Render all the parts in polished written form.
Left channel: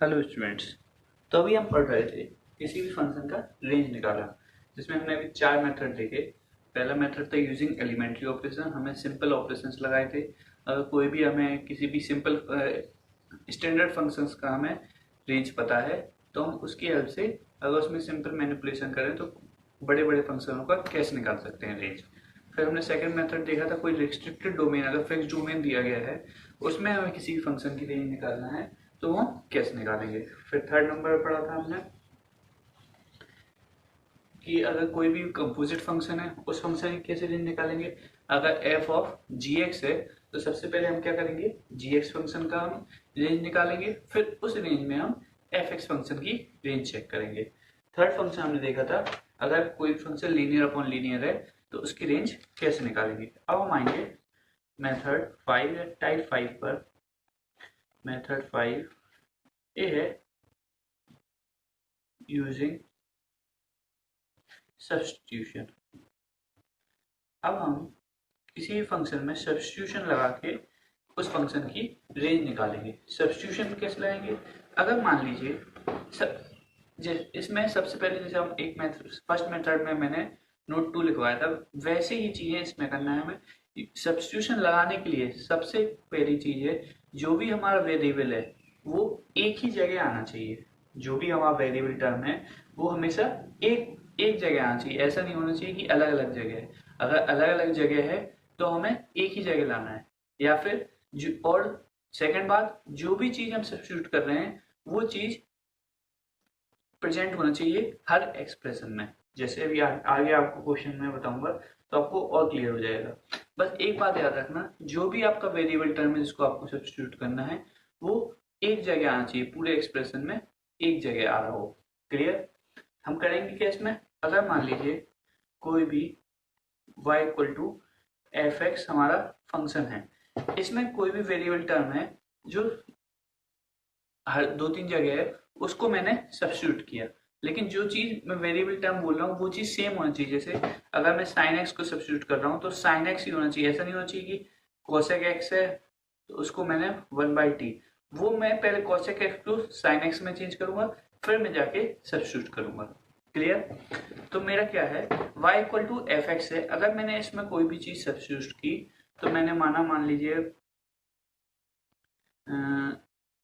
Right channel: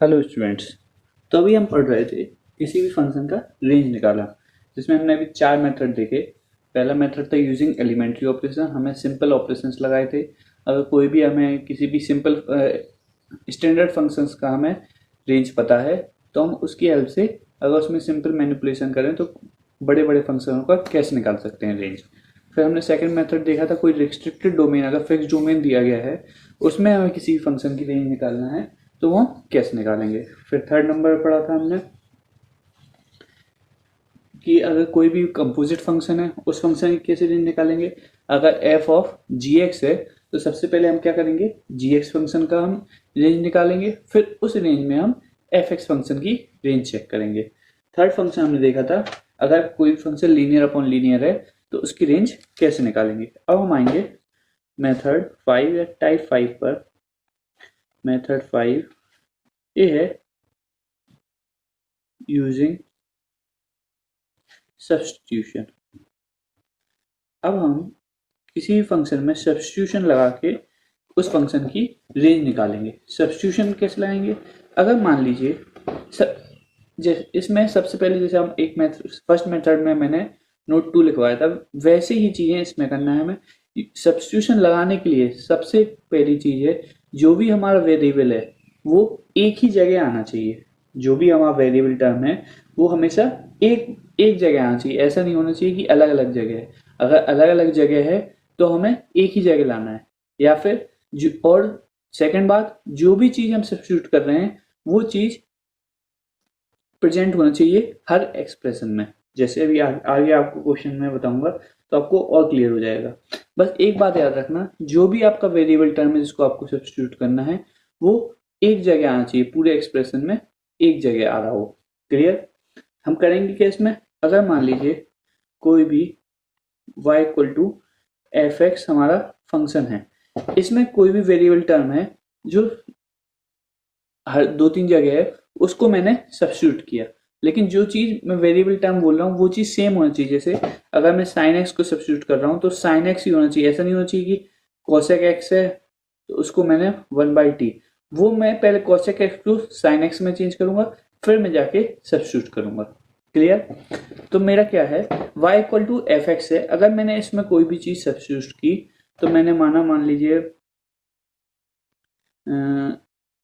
Hello students. तो अभी हम पढ़ रहे थे किसी भी फंक्शन का रेंज निकाला, जिसमें हमने अभी चार मेथड देखे। पहला मेथड था यूजिंग एलिमेंट्री ऑपरेशन, हमें सिंपल ऑपरेशंस लगाए थे। अगर कोई भी हमें किसी भी सिंपल स्टैंडर्ड फंक्शंस का हमें रेंज पता है तो हम उसकी हेल्प से अगर उसमें सिंपल मैनिपुलेशन करें तो बड़े बड़े फंक्शनों का कैसे निकाल सकते हैं रेंज। फिर हमने सेकंड मेथड देखा था, कोई रिस्ट्रिक्टेड डोमेन अगर फिक्स डोमेन दिया गया है उसमें हमें किसी भी फंक्शन की रेंज निकालना है तो वो कैसे निकालेंगे। फिर थर्ड नंबर पढ़ा था हमने कि अगर कोई भी कंपोजिट फंक्शन है उस फंक्शन की कैसे रेंज निकालेंगे। अगर एफ ऑफ जी एक्स है तो सबसे पहले हम क्या करेंगे, जी एक्स फंक्शन का हम रेंज निकालेंगे, फिर उस रेंज में हम एफ एक्स फंक्शन की रेंज चेक करेंगे। थर्ड फंक्शन हमने देखा था, अगर कोई फंक्शन लीनियर अपॉन लीनियर है तो उसकी रेंज कैसे निकालेंगे। अब हम आएंगे मेथड 5 या टाइप 5 पर। मेथड 5 ये है यूजिंग सब्स्टिट्यूशन। अब हम किसी भी फंक्शन में सब्स्टिट्यूशन लगा के उस फंक्शन की रेंज निकालेंगे। सब्स्टिट्यूशन कैसे लगाएंगे, अगर मान लीजिए इसमें सबसे पहले जैसे हम एक मेथड फर्स्ट मेथड में मैंने नोट 2 लिखवाया था, वैसे ही चीजें इसमें करना है हमें। सब्स्टिट्यूशन लगाने के लिए सबसे पहली चीज है, जो भी हमारा वेरिएबल है वो एक ही जगह आना चाहिए। जो भी हमारा वेरिएबल टर्म है वो हमेशा एक एक जगह आना चाहिए, ऐसा नहीं होना चाहिए कि अलग अलग जगह है। अगर अलग अलग जगह है तो हमें एक ही जगह लाना है। या फिर और सेकंड बात, जो भी चीज हम सब्स्टिट्यूट कर रहे हैं वो चीज प्रेजेंट होना चाहिए हर एक्सप्रेशन में। जैसे अभी आगे आपको क्वेश्चन में बताऊंगा तो आपको और क्लियर हो जाएगा। बस एक बात याद रखना, जो भी आपका वेरिएबल टर्म है जिसको आपको सब्स्टिट्यूट करना है वो एक जगह आना चाहिए, पूरे एक्सप्रेशन में एक जगह आ रहा हो। क्लियर। हम करेंगे क्या इसमें, अगर मान लीजिए कोई भी y equal to F X हमारा फंक्शन है, इसमें कोई भी वेरिएबल टर्म है जो हर दो तीन जगह है उसको मैंने सब्स्टिट्यूट किया। लेकिन जो चीज मैं वेरिएबल टर्म बोल रहा हूँ वो चीज सेम होनी चाहिए। जैसे अगर मैं साइन एक्स को सब्स्टिट्यूट कर रहा हूँ तो साइन एक्स ही होना चाहिए, ऐसा नहीं होना चाहिए कि कॉसेक एक्स है तो उसको मैंने 1/t, वो मैं पहले कॉसेक एक्स को साइन एक्स में चेंज करूंगा फिर मैं जाके सब्स्टिट्यूट करूंगा। क्लियर। तो मेरा क्या है, y equal to F x है। अगर मैंने इसमें कोई भी चीज सब्स्टिट्यूट की तो मैंने माना, मान लीजिए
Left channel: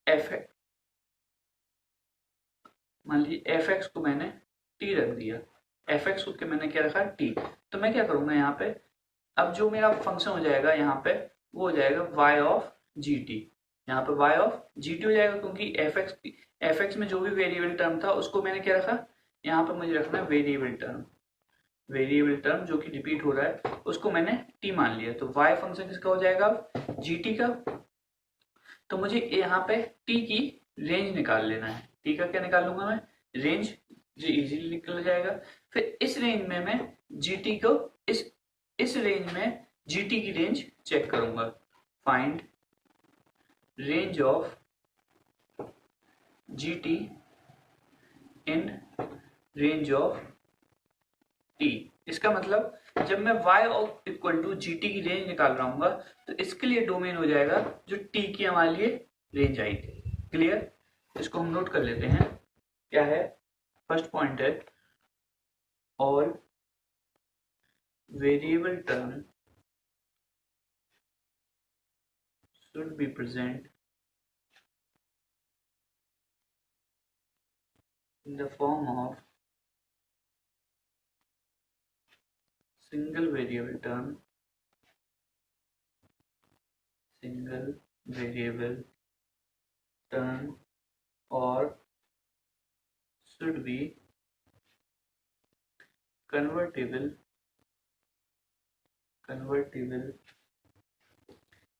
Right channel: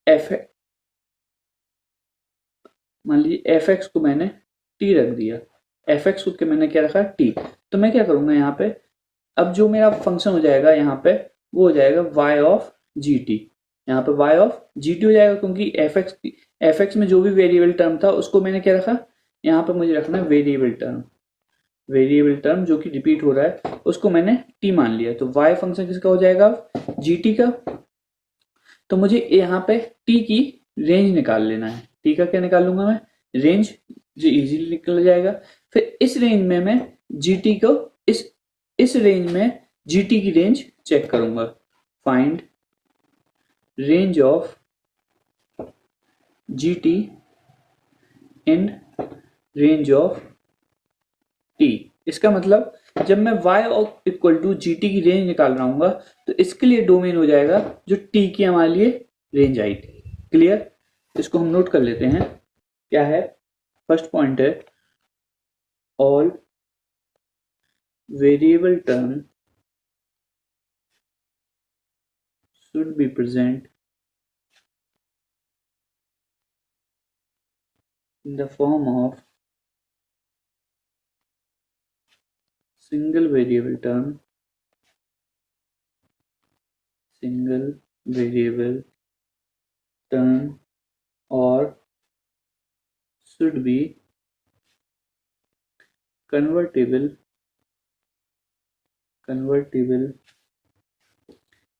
एफ मान लीजिए एफ एक्स को मैंने टी रख दिया, एफ एक्स को मैंने क्या रखा टी। तो मैं क्या करूंगा यहाँ पे, अब जो मेरा फंक्शन हो जाएगा यहाँ पे वो हो जाएगा y ऑफ जी टी। यहाँ पे y ऑफ जी टी हो जाएगा क्योंकि एफ एक्स में जो भी वेरिएबल टर्म था उसको मैंने क्या रखा, यहाँ पे मुझे रखना वेरिएबल टर्म। वेरिएबल टर्म जो कि रिपीट हो रहा है उसको मैंने t मान लिया, तो y फंक्शन किसका हो जाएगा, जी टी का। तो मुझे यहाँ पे t की रेंज निकाल लेना है। t का क्या निकाल लूंगा मैं, रेंज, जो इजीली निकल जाएगा। फिर इस रेंज में मैं gt को इस रेंज में gt की रेंज चेक करूंगा। Find range of gt in range of t। इसका मतलब जब मैं y equal to g t की रेंज निकाल रहा हूँ तो इसके लिए डोमेन हो जाएगा जो t की हमारे लिए रेंज आएगी। क्लियर। इसको हम नोट कर लेते हैं क्या है। फर्स्ट पॉइंट है, all variable term should be present in the form of single variable term, single variable term, or should be convertible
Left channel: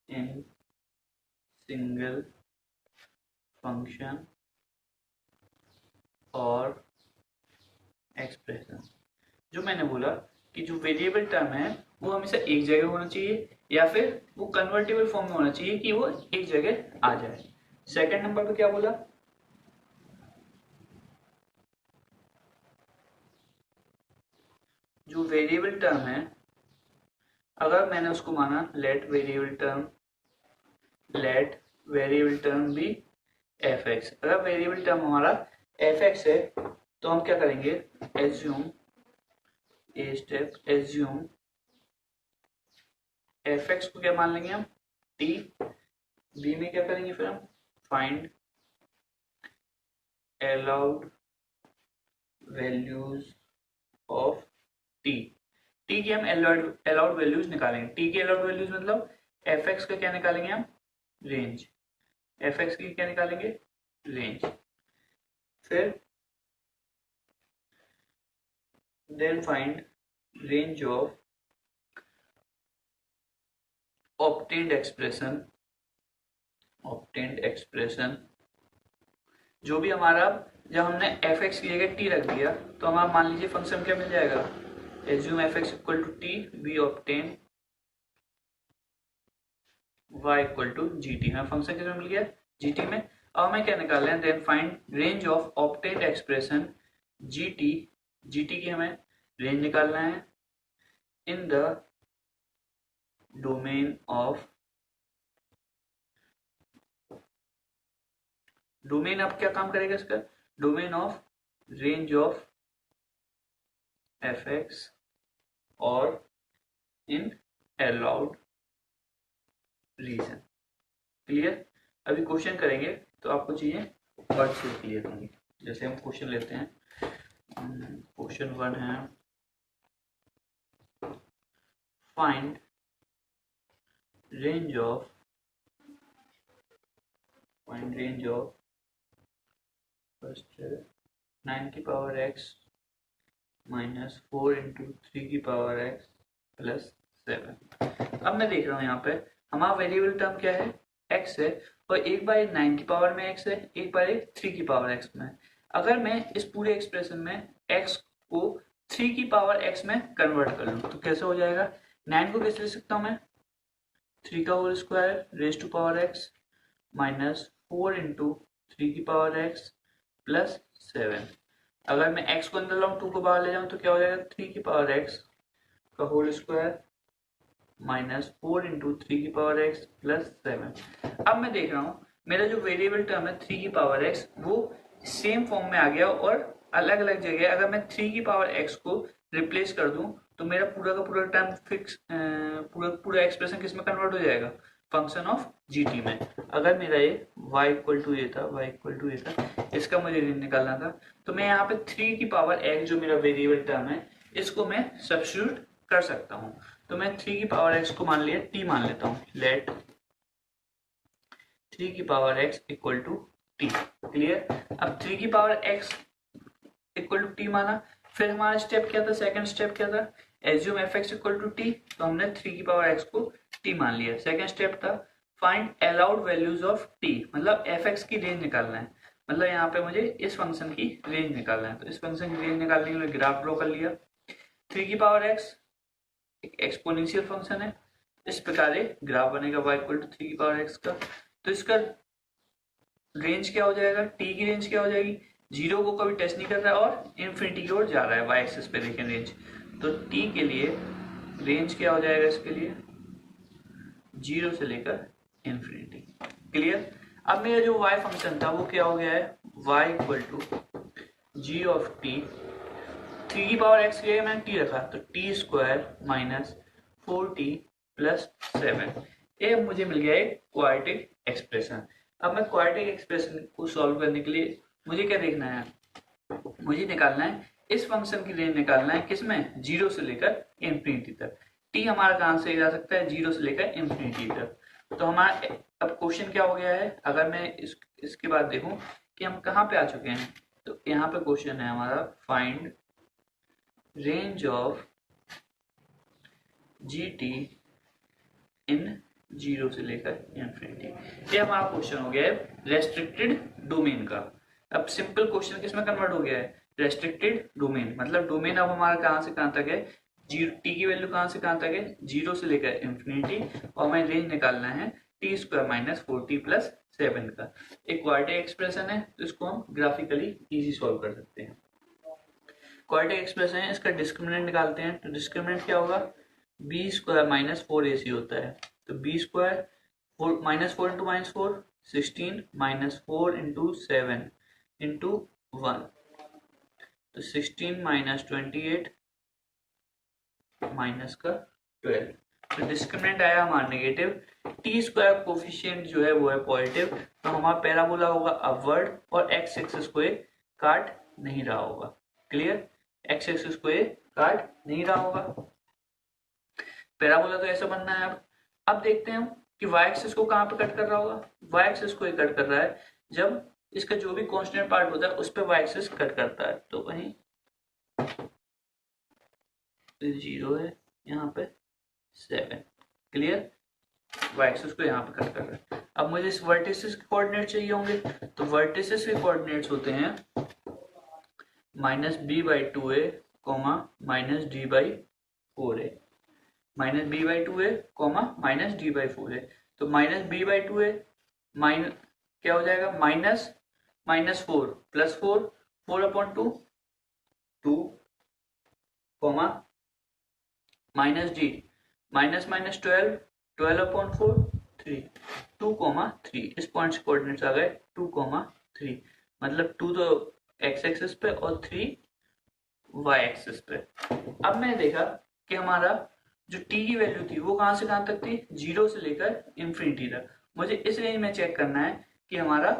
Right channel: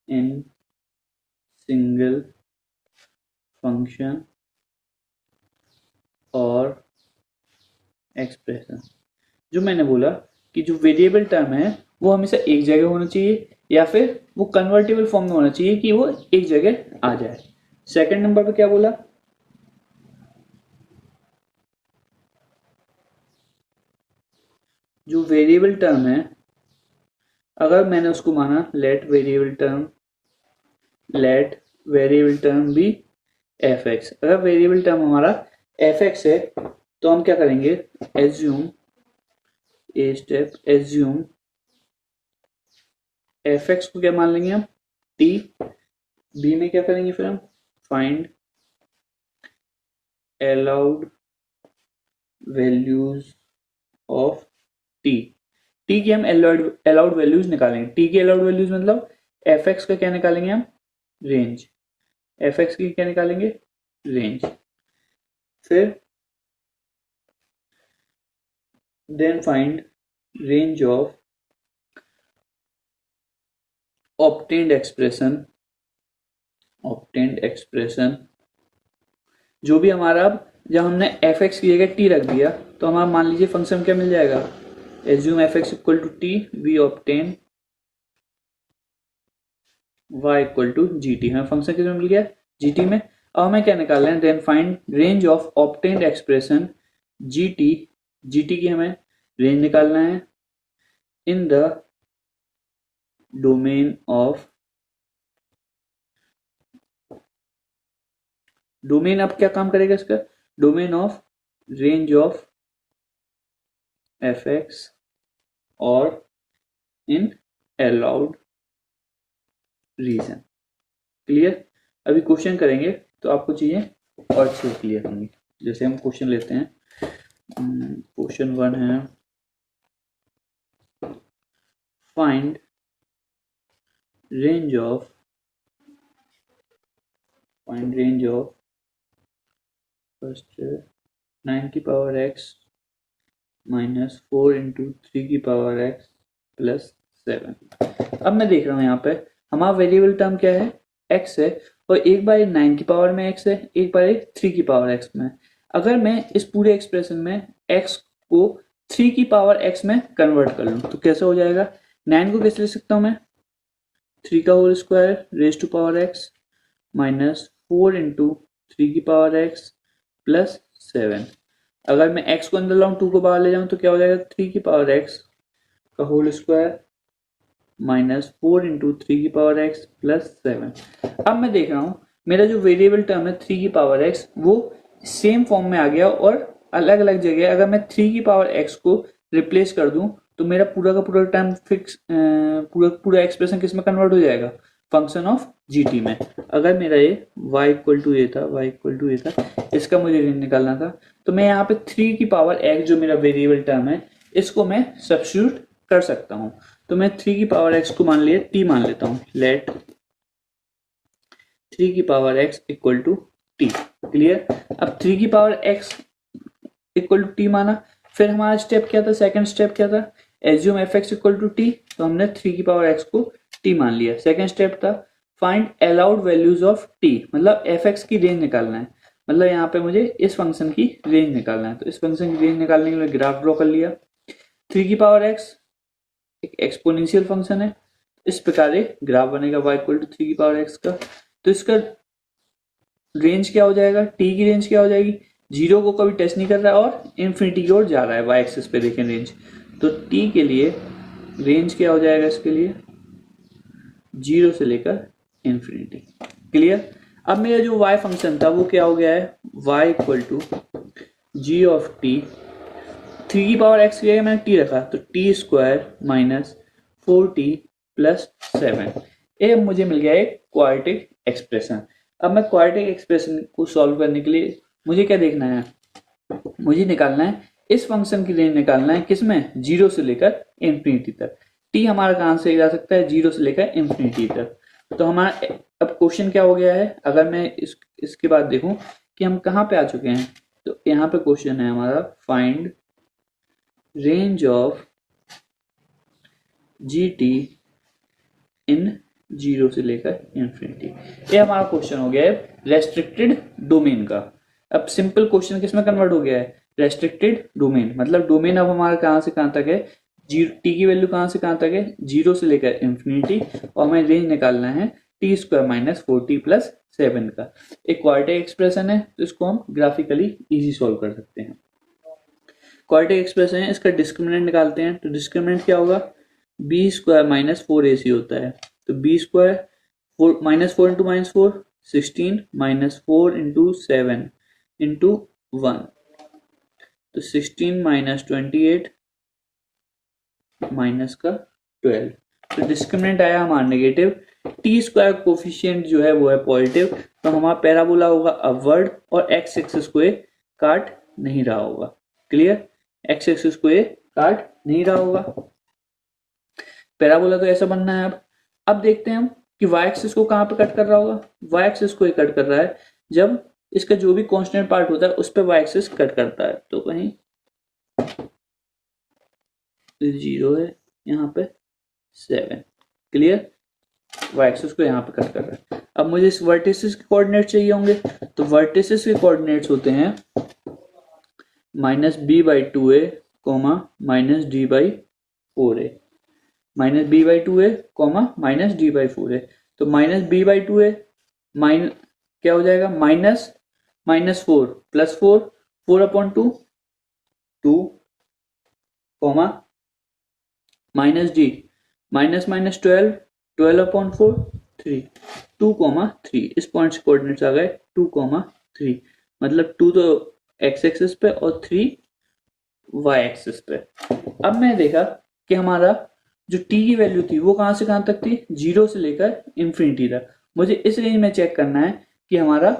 in single function और एक्सप्रेशन। जो मैंने बोला कि जो वेरिएबल टर्म है वो हमेशा एक जगह होना चाहिए या फिर वो कन्वर्टेबल फॉर्म में होना चाहिए कि वो एक जगह आ जाए। सेकंड नंबर पे क्या बोला, जो वेरिएबल टर्म है अगर मैंने उसको माना let variable term be f x. अगर वेरिएबल टर्म हमारा एफ एक्स है तो हम क्या करेंगे, assume a step, assume f x को क्या मान लेंगे हम, टी। बी में क्या करेंगे फिर हम, find allowed values of T. T की हम अलाउड वैल्यूज निकालेंगे। टी की अलाउड वैल्यूज मतलब एफ एक्स का क्या निकालेंगे हम, रेंज। एफ एक्स की क्या निकालेंगे, रेंज। फिर then find range of obtained expression, obtained expression जो भी हमारा, जब हमने एफ एक्स की जगह टी रख दिया तो हमारा मान लीजिए फंक्शन क्या मिल जाएगा, assume f x equal to t, we obtain y equal to g t. हमें फंक्शन किस में मिल गया, जी टी में। अब हमें क्या निकाल रहे हैं, then find range of obtained expression g t. G t की हमें रेंज निकालना है in the domain of, domain अब क्या काम करेगा इसका, domain of range of f x और इन अलाउड रीजन। क्लियर। अभी क्वेश्चन करेंगे तो आपको चीजें और अच्छे से क्लियर होंगी। जैसे हम क्वेश्चन लेते हैं, क्वेश्चन 1 है, find range of, find range of first 9 की पावर x माइनस 4 इंटू 3 की पावर x प्लस 7। अब मैं देख रहा हूँ यहाँ पे हमारा वेरिएबल टर्म क्या है, x है, और एक बार 9 की पावर में x है, एक बार 3 की पावर x में। अगर मैं इस पूरे एक्सप्रेशन में x को 3 की पावर x में कन्वर्ट कर लूँ तो कैसे हो जाएगा, 9 को कैसे लिख सकता हूँ मैं, 3 का whole square raise to power x minus 4 into 3 की पावर x प्लस 7। अगर मैं x को अंदर लाऊं 2 को बाहर ले जाऊं तो क्या हो जाएगा, 3 की पावर x का होल स्क्वायर माइनस 4 इंटू 3 की पावर x प्लस 7। अब मैं देख रहा हूं मेरा जो वेरिएबल टर्म है 3 की पावर x वो सेम फॉर्म में आ गया, और अलग अलग जगह अगर मैं 3 की पावर x को रिप्लेस कर दूं तो मेरा पूरा का पूरा टर्म फिक्स, पूरा एक्सप्रेशन किस में कन्वर्ट हो जाएगा, फंक्शन ऑफ जी टी में। अगर मेरा ये y इक्वल टू ए था, y इक्वल टू ए था, इसका मुझे रेंज निकालना था, तो मैं यहाँ पे 3 की पावर x जो मेरा वेरिएबल टर्म है इसको मैं सब्स्टिट्यूट कर सकता हूँ। तो मैं 3 की पावर x को मान लिया t मान लेता हूँ, लेट 3 की power x equal to t. Clear. अब 3 की power x equal to t माना, फिर हमारा स्टेप क्या था, सेकंड स्टेप क्या था, assume f x equal to t, तो हमने 3 की पावर x को t मान लिया। सेकंड स्टेप था find allowed values of t, मतलब एफ एक्स की रेंज निकालना है, मतलब यहाँ पे मुझे इस फंक्शन की रेंज निकालना है। तो इस फंक्शन की रेंज निकालने के लिए ग्राफ ड्रॉ कर लिया। 3 की पावर x एक एक्सपोनेंशियल फंक्शन है, इस प्रकार एक ग्राफ बनेगा y इक्वल टू 3 की पावर x का। तो इसका रेंज क्या हो जाएगा, t की रेंज क्या हो जाएगी, जीरो को कभी टच नहीं कर रहा है और इन्फिनिटी की ओर जा रहा है, y एक्सिस पे देखें रेंज। तो t के लिए रेंज क्या हो जाएगा, इसके लिए 0 से लेकर इन्फिनिटी। क्लियर। अब मेरा जो y फंक्शन था वो क्या हो गया है, y equal to g of t, 3 की पावर x की जगह मैंने t रखा तो T square minus 4t plus 7। ये मुझे मिल गया एक क्वाड्रेटिक एक्सप्रेशन। अब मैं क्वाड्रेटिक एक्सप्रेशन को सॉल्व करने के लिए मुझे क्या देखना है, मुझे निकालना है इस फंक्शन की रेंज निकालना है, किसमें, 0 से लेकर इन्फिनिटी तक। t हमारा कहां से जा सकता है, 0 से लेकर इन्फिनिटी तक। तो हमारा अब क्वेश्चन क्या हो गया है, अगर मैं इसके बाद देखूं कि हम कहां पे आ चुके हैं, तो यहाँ पे क्वेश्चन है हमारा find range of G T in 0 से लेकर इन्फिनिटी। ये हमारा क्वेश्चन हो गया है रेस्ट्रिक्टेड डोमेन का। अब सिंपल क्वेश्चन किसमें कन्वर्ट हो गया है, रेस्ट्रिक्टेड डोमेन, मतलब डोमेन अब हमारा कहां से कहां तक है, टी की वैल्यू कहां से कहां तक है, 0 से लेकर इन्फिनिटी, और हमें रेंज निकालना है T square minus 4t plus 7 का। एक क्वाड्रेटिक एक्सप्रेशन है तो इसको हम ग्राफिकली इजी सॉल्व कर सकते हैं। क्वाड्रेटिक एक्सप्रेशन है, इसका डिस्क्रिमिनेंट निकालते हैं, तो डिस्क्रिमिनेंट क्या होगा, बी स्क्वायर माइनस 4ac होता है। तो b square minus 4 into minus 4 16 minus 4 into 7 into 1, तो 16 माइनस 28 माइनस का 12, तो डिस्क्रिमिनेंट आया हमारा नेगेटिव। टी स्क्वायर कोफिशिएंट जो है वो है पॉजिटिव, तो हमारा पैराबोला होगा अपवर्ड और एक्स एक्सिस को काट नहीं रहा होगा। क्लियर, एक्स एक्सिस को काट नहीं रहा होगा, पैराबोला तो ऐसा बनना है। अब देखते हैं हम कि वाई एक्सिस को कहां पे कट कर रहा होगा। वाई एक्सिस को कट कर रहा है जब इसका जो भी कांस्टेंट पार्ट होता है उस पर वाई एक्सिस कट करता है, तो कहीं 0 है, यहाँ पे 7। क्लियर, वाई एक्सिस को यहाँ पे कट कर रहा है। अब मुझे इस वर्टिसेस के कोऑर्डिनेट चाहिए होंगे, तो वर्टिसेस के कोऑर्डिनेट्स होते हैं minus b by 2a comma minus d by 4a, minus b by 2a comma minus d by 4a। तो minus b by 2a minus क्या हो जाएगा, minus minus 4 plus 4, 4/2 2 coma minus D minus minus 12, 12/4 3, 2,3। इस point से coordinates आ गए 2,3, मतलब 2 तो x axis पे और 3 वाई एक्सिस पे। अब मैंने देखा कि हमारा जो टी की वैल्यू थी वो कहां से कहां तक थी, 0 से लेकर इंफिनिटी तक। मुझे इस रेंज में चेक करना है कि हमारा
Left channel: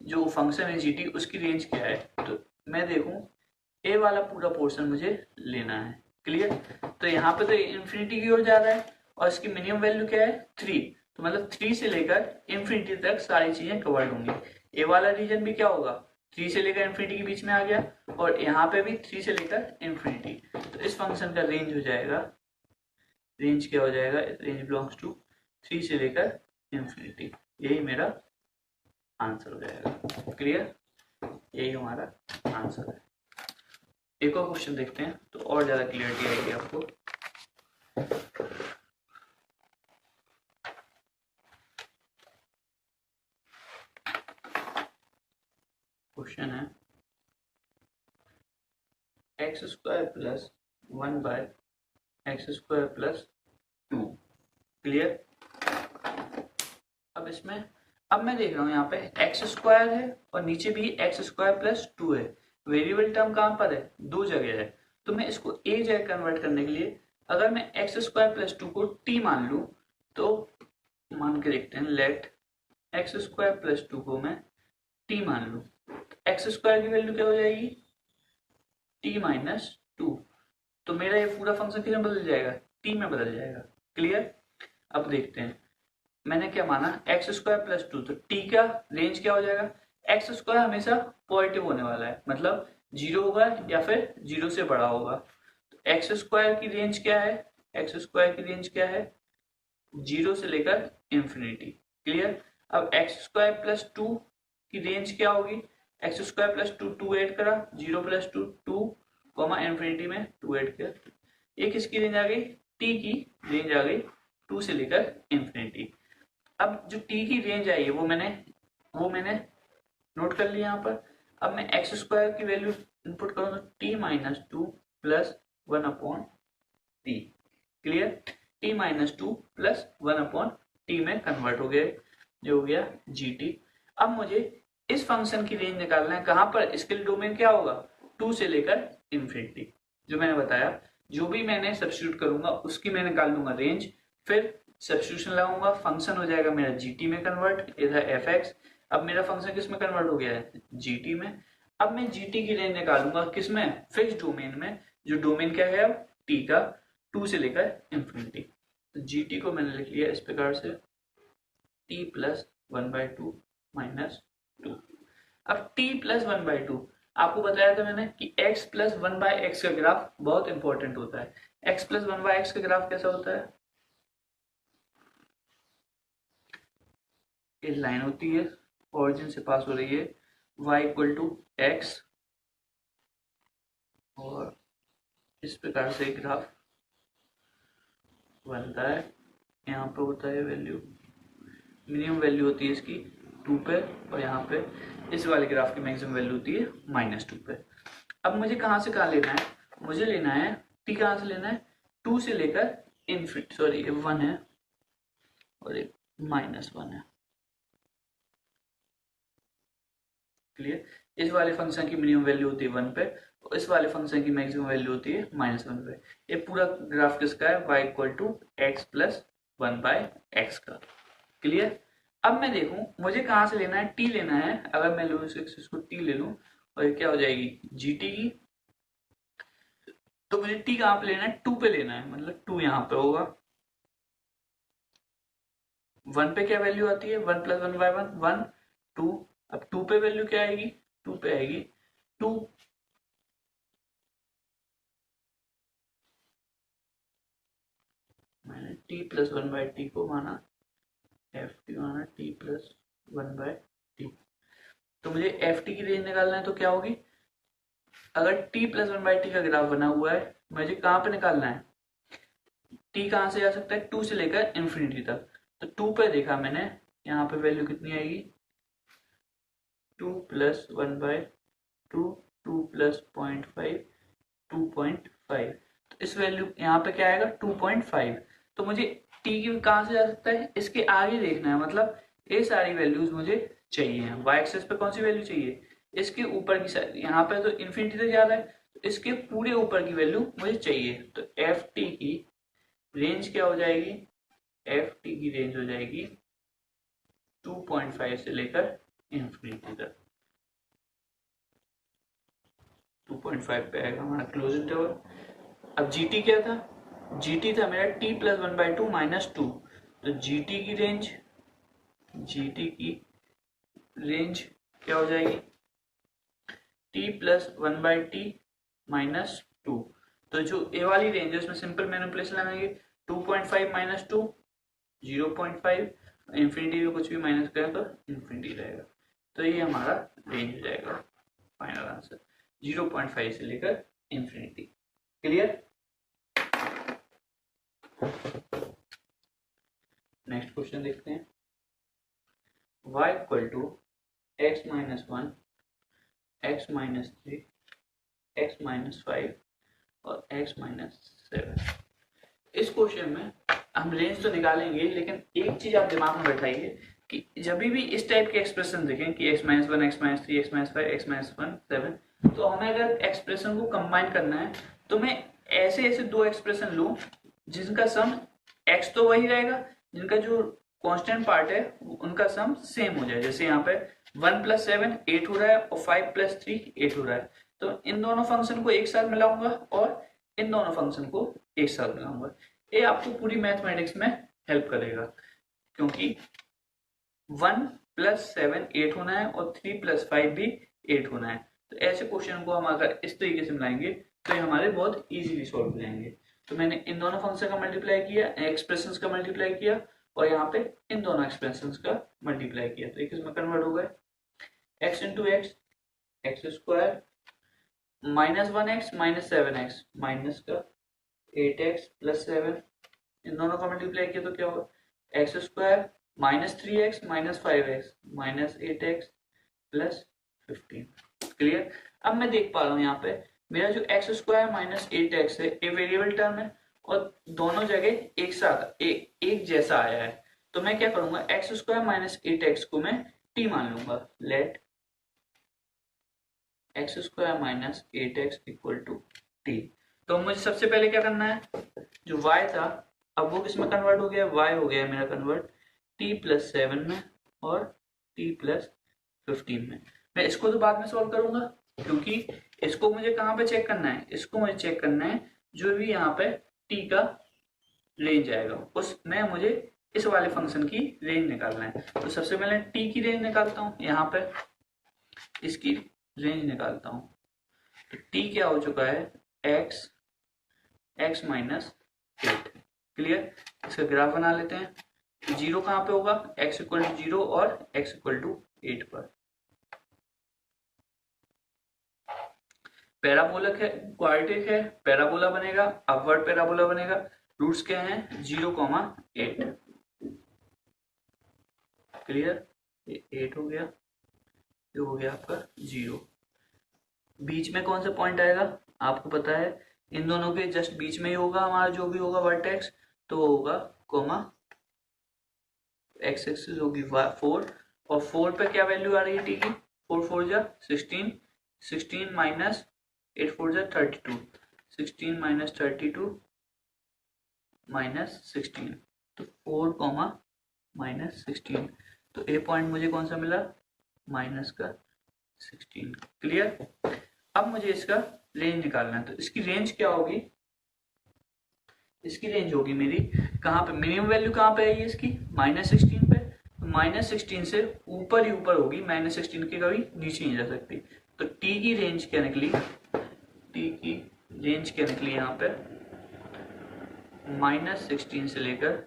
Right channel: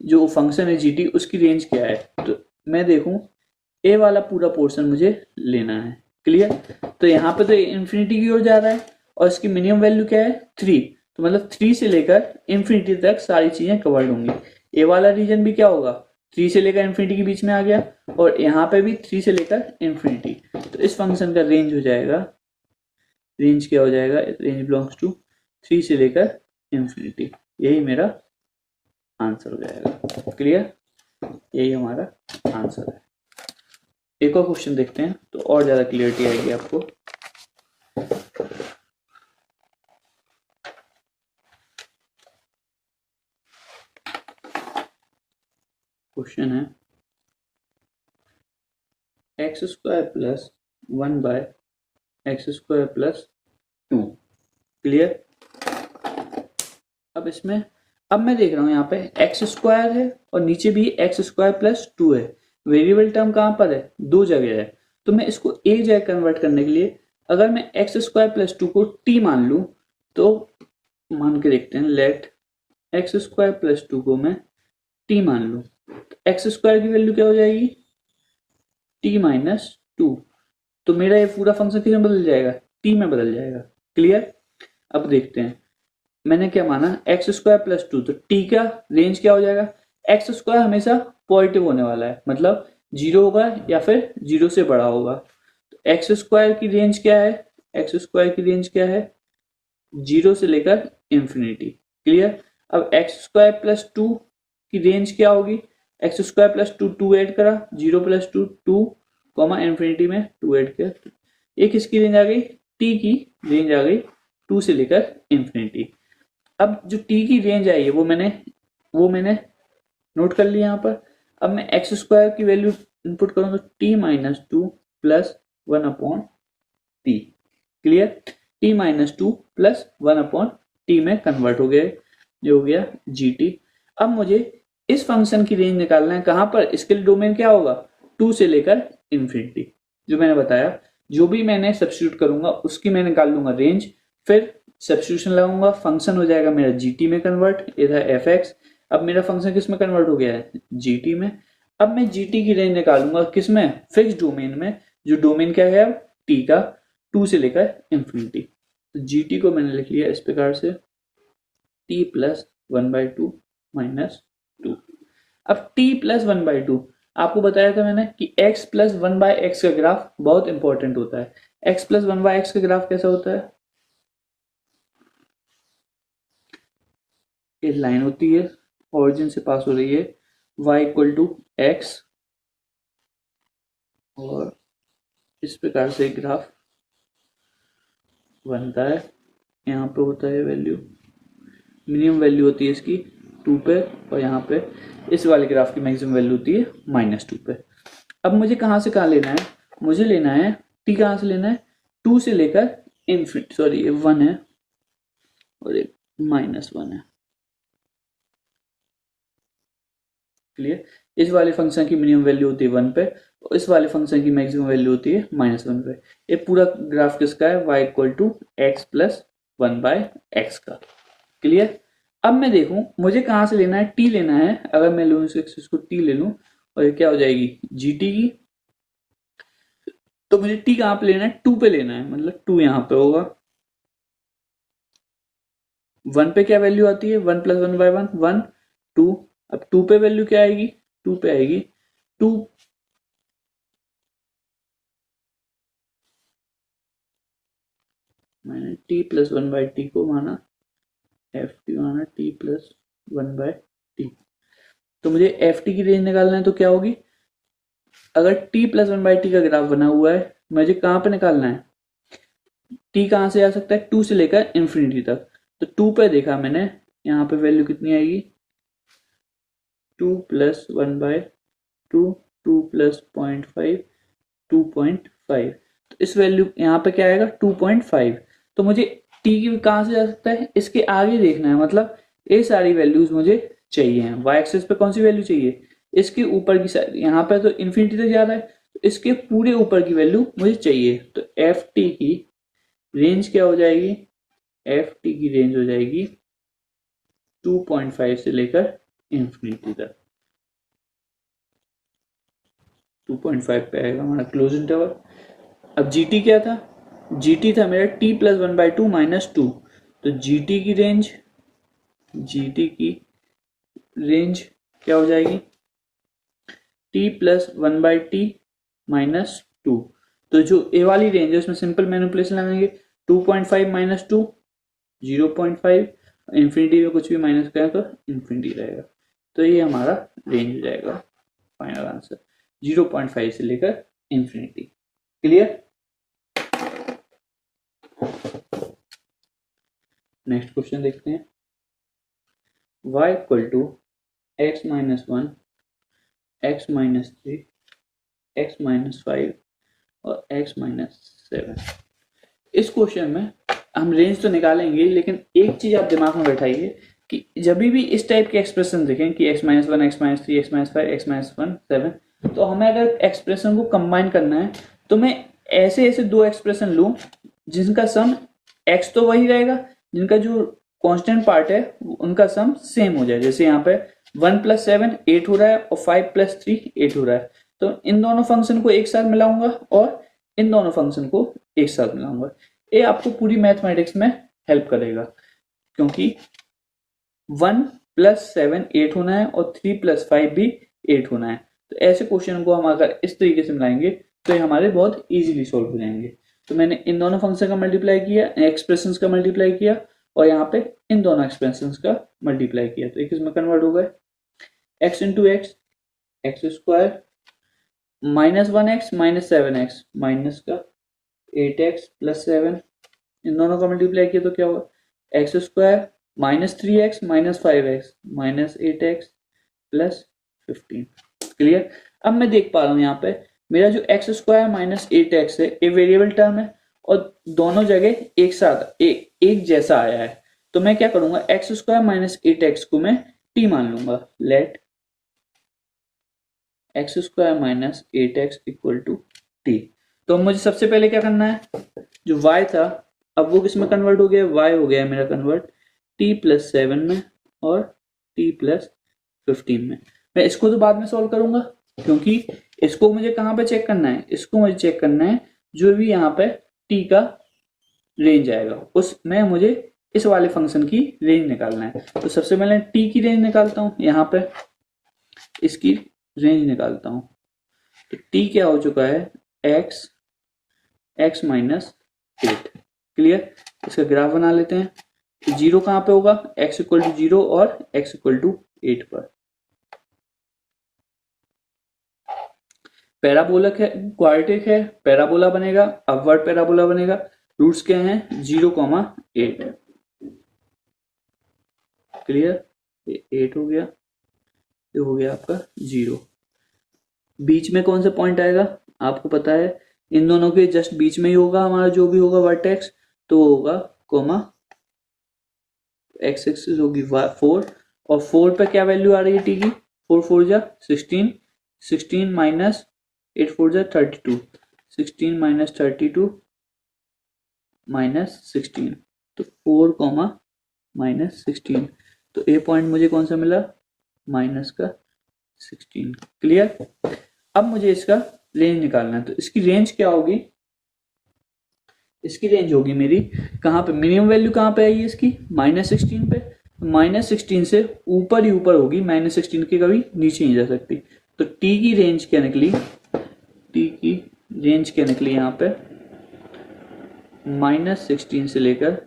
जो फंक्शन है जीटी उसकी रेंज क्या है। तो मैं देखूं ए वाला पूरा पोर्शन मुझे लेना है। क्लियर, तो यहाँ पे तो इंफिनिटी की ओर जा रहा है और इसकी मिनिमम वैल्यू क्या है 3, तो मतलब 3 से लेकर इंफिनिटी तक सारी चीजें कवर्ड होंगी। ए वाला रीजन भी क्या होगा, 3 से लेकर इंफिनिटी के बीच में आ गया, और यहाँ पे भी 3 से लेकर इंफिनिटी। तो इस फंक्शन का रेंज हो जाएगा, रेंज क्या हो जाएगा, रेंज बिलोंग्स टू 3 से लेकर इंफिनिटी। यही मेरा आंसर हो जाएगा। क्लियर, यही हमारा आंसर है। एक और क्वेश्चन देखते हैं तो और ज्यादा क्लियरिटी आएगी आपको। क्वेश्चन है x square plus 1 by x square plus 2। Clear, अब इसमें अब मैं देख रहा हूं यहाँ पे एक्स स्क्वायर है और नीचे भी एक्स स्क्वायर प्लस 2 है। वेरिएबल टर्म कहां पर है, 2 जगह है। तो मैं इसको एक जगह कन्वर्ट करने के लिए अगर मैं एक्स स्क्वायर प्लस 2 को टी मान लूं, तो मान के देखते हैं, लेट एक्स स्क्वायर प्लस 2 को मैं टी मान लूं, एक्स स्क्वायर की वैल्यू क्या हो जाएगी, टी माइनस 2। तो मेरा ये पूरा फंक्शन किस में बदल जाएगा, टी में बदल जाएगा। क्लियर, अब देखते हैं मैंने क्या माना, एक्स स्क्वायर प्लस 2, तो टी का रेंज क्या हो जाएगा, एक्स स्क्वायर हमेशा पॉजिटिव होने वाला है, मतलब 0 होगा या फिर 0 से बड़ा होगा। तो एक्स स्क्वायर की रेंज क्या है, एक्स स्क्वायर की रेंज क्या है, 0 से लेकर इंफिनिटी। क्लियर, अब एक्स स्क्वायर प्लस 2 की रेंज क्या होगी, एक्स स्क्वायर प्लस 2 2 ऐड करा, 0 प्लस 2 2 कॉमा इंफिनिटी में 2 ऐड किया, एक किसकी रेंज आ गई, टी की रेंज आ गई 2 से लेकर इंफिनिटी। अब जो टी की रेंज आई है वो मैंने नोट कर लिया यहाँ पर। अब मैं एक्स स्क्वायर की वैल्यू इनपुट करूँ तो T minus 2 plus 1/t। Clear, T minus 2 plus 1/t में कन्वर्ट हो गया, जो हो गया जीटी। अब मुझे इस फंक्शन की रेंज निकालना है, कहां पर, इसके लिए डोमेन क्या होगा, 2 से लेकर इंफिनिटी। जो मैंने बताया, जो भी मैंने सब्स्टिट्यूट करूंगा उसकी मैं निकाल लूंगा रेंज, फिर सब्स्टिट्यूशन लगाऊंगा, फंक्शन हो जाएगा मेरा जीटी में कन्वर्ट, इधर एफ एक्स। अब मेरा फंक्शन किस में कन्वर्ट हो गया है, जीटी में। अब मैं जीटी की रेंज निकालूंगा किस में, फिक्स डोमेन में, जो डोमेन क्या है टी का, 2 से लेकर इंफिनिटी। तो जीटी को मैंने लिख लिया इस प्रकार से, टी प्लस 1/2 माइनस 2। अब टी प्लस 1/2, आपको बताया था मैंने कि x प्लस 1/x का ग्राफ बहुत इंपॉर्टेंट होता है। x प्लस 1/x का ग्राफ कैसा होता है, एक लाइन होती है ओरिजिन से पास हो रही है, y इक्वल टू एक्स, और इस प्रकार से ग्राफ बनता है। यहाँ पे होता है वैल्यू, मिनिमम वैल्यू होती है इसकी 2 पे, और यहाँ पे इस वाले ग्राफ की मैक्सिमम वैल्यू होती है -2 पे। अब मुझे कहाँ से कहाँ लेना है, मुझे लेना है टी कहाँ से लेना है, 2 से लेकर इनफिनिटी, सॉरी 1 है और एक -1 है। क्लियर। इस वाले फंक्शन की मिनिमम वैल्यू होती है 1 पे और इस वाले फंक्शन की मैक्सिमम वैल्यू होती है -1 पे। ये पूरा ग्राफ किसका है, y equal to x plus 1/x का। क्लियर। अब मैं देखूं मुझे कहां से लेना है, t लेना है। अगर मैं लूं इस एक्सिस को t ले लूं और ये क्या हो जाएगी gt की, तो मुझे t कहां पे लेना है, 2 पे लेना है, मतलब 2 यहां पे होगा। 1 पे क्या वैल्यू आती है, 1 प्लस 1/1 1 2। अब 2 पे वैल्यू क्या आएगी, 2 पे आएगी 2। मैंने t प्लस 1/t को माना, एफ टी माना t प्लस 1/t। तो मुझे एफ टी की रेंज निकालना है, तो क्या होगी, अगर t प्लस 1/t का ग्राफ बना हुआ है, मुझे कहां पे निकालना है, t कहां से आ सकता है, 2 से लेकर इंफिनिटी तक। तो 2 पे देखा मैंने, यहाँ पे वैल्यू कितनी आएगी, 2 प्लस 1/2, 2 प्लस 0.5, 2.5। तो इस वैल्यू यहाँ पे क्या आएगा 2.5। तो मुझे t की कहां से जा सकता है, इसके आगे देखना है, मतलब ये सारी वैल्यूज मुझे चाहिए। y एक्सिस पे कौन सी वैल्यू चाहिए, इसके ऊपर की साइड, यहाँ पे तो इंफिनिटी तक जा रहा है, तो इसके पूरे ऊपर की वैल्यू मुझे चाहिए। तो एफ टी की रेंज क्या हो जाएगी, एफ टी की रेंज हो जाएगी 2.5 से लेकर इंफिनिटी तक। 2.5 पे आएगा हमारा क्लोज इंटरवल। अब जीटी क्या था, जीटी था मेरा t प्लस 1/2 माइनस 2। तो जीटी की रेंज, जीटी की रेंज क्या हो जाएगी, t प्लस 1/t माइनस 2। तो जो ए वाली रेंज है उसमें सिंपल मैनिपुलेशन लगाएंगे, 2.5 माइनस 2 0.5, इंफिनिटी में कुछ भी माइनस करें तो इंफिनिटी रहेगा। तो ये हमारा रेंज हो जाएगा, फाइनल आंसर 0.5 से लेकर इंफिनिटी। क्लियर। नेक्स्ट क्वेश्चन देखते हैं। y equal to x minus 1, x minus 3, x minus 5 और x माइनस 7। इस क्वेश्चन में हम रेंज तो निकालेंगे, लेकिन एक चीज आप दिमाग में बैठाइए कि जब भी इस टाइप के एक्सप्रेशन देखें कि x minus 1, x minus 3, x minus 5, x minus 1 7, तो हमें अगर एक्सप्रेशन को कंबाइन करना है तो मैं ऐसे ऐसे दो एक्सप्रेशन लूं जिनका सम x तो वही रहेगा, जिनका जो कांस्टेंट पार्ट है उनका सम सेम हो जाए। जैसे यहाँ पे 1 प्लस 7 8 हो रहा है और 5 प्लस 3 8 हो रहा है, तो इन दोनों फंक्शन को एक साथ मिलाऊंगा और इन दोनों फंक्शन को एक साथ मिलाऊंगा। ये आपको पूरी मैथमेटिक्स में हेल्प करेगा, क्योंकि 1 प्लस 7 8 होना है और 3 प्लस 5 भी 8 होना है। तो ऐसे क्वेश्चन को हम अगर इस तरीके से मिलाएंगे तो ये हमारे बहुत इजीली सॉल्व हो जाएंगे। तो मैंने इन दोनों फंक्शन का मल्टीप्लाई किया, एक्सप्रेशंस का मल्टीप्लाई किया और यहाँ पे इन दोनों एक्सप्रेशंस का मल्टीप्लाई किया, तो एक इसमें कन्वर्ट हो गए, x into x, x square minus 1x minus 7x minus का 8x प्लस 7, इन दोनों का मल्टीप्लाई किया तो क्या हुआ, x square minus 3x minus 5x minus 8x plus 15। Clear. अब मैं देख पा रहा हूं यहाँ पे मेरा जो एक्स स्क्वायर माइनस 8x है ये वेरिएबल टर्म है और दोनों जगह एक साथ एक जैसा आया है। तो मैं क्या करूंगा, एक्स स्क्वायर माइनस 8x को मैं t मान लूंगा। Let x square minus 8x equal to t। तो मुझे सबसे पहले क्या करना है, जो y था अब वो किस में कन्वर्ट हो गया, y हो गया मेरा कन्वर्ट t प्लस 7 में और t प्लस 15 में। मैं इसको तो बाद में सॉल्व करूंगा, क्योंकि इसको मुझे कहां पे चेक करना है, इसको मुझे चेक करना है जो भी यहाँ पे t का रेंज आएगा उसमें मुझे इस वाले फंक्शन की रेंज निकालना है। तो सबसे पहले t की रेंज निकालता हूं, यहाँ पे इसकी रेंज निकालता हूं। तो t क्या हो चुका है, x माइनस 8। क्लियर। इसका ग्राफ बना लेते हैं। तो जीरो कहां पे होगा, x इक्वल टू 0 और x इक्वल टू 8 पर। पैराबोलिक है, क्वाड्रेटिक है, पैराबोला बनेगा, अपवर्ड पैराबोला बनेगा। रूट्स क्या हैं, 0,8। क्लियर। ये 8 हो गया, ये हो गया आपका 0। बीच में कौन सा पॉइंट आएगा आपको पता है, इन दोनों के जस्ट बीच में ही होगा हमारा जो भी होगा वर्टेक्स, तो होगा कोमा, एक्स एक्सिस होगी 4 और 4 पे क्या वैल्यू आ रही है टी की, 4 4 जा 16, 16 माइनस 8 4 जा 32, 16 माइनस 32 माइनस 16, तो 4 कॉमा माइनस 16, तो ए पॉइंट मुझे कौन सा मिला, माइनस का 16। क्लियर। अब मुझे इसका रेंज निकालना है, तो इसकी रेंज क्या होगी, इसकी रेंज होगी मेरी कहाँ पे, मिनिमम वैल्यू कहाँ पे आई है इसकी, -16 पे, -16 से ऊपर ही ऊपर होगी, -16 के कभी नीचे नहीं जा सकती। तो टी की रेंज क्या निकली, टी की रेंज क्या निकली यहाँ पे, -16 से लेकर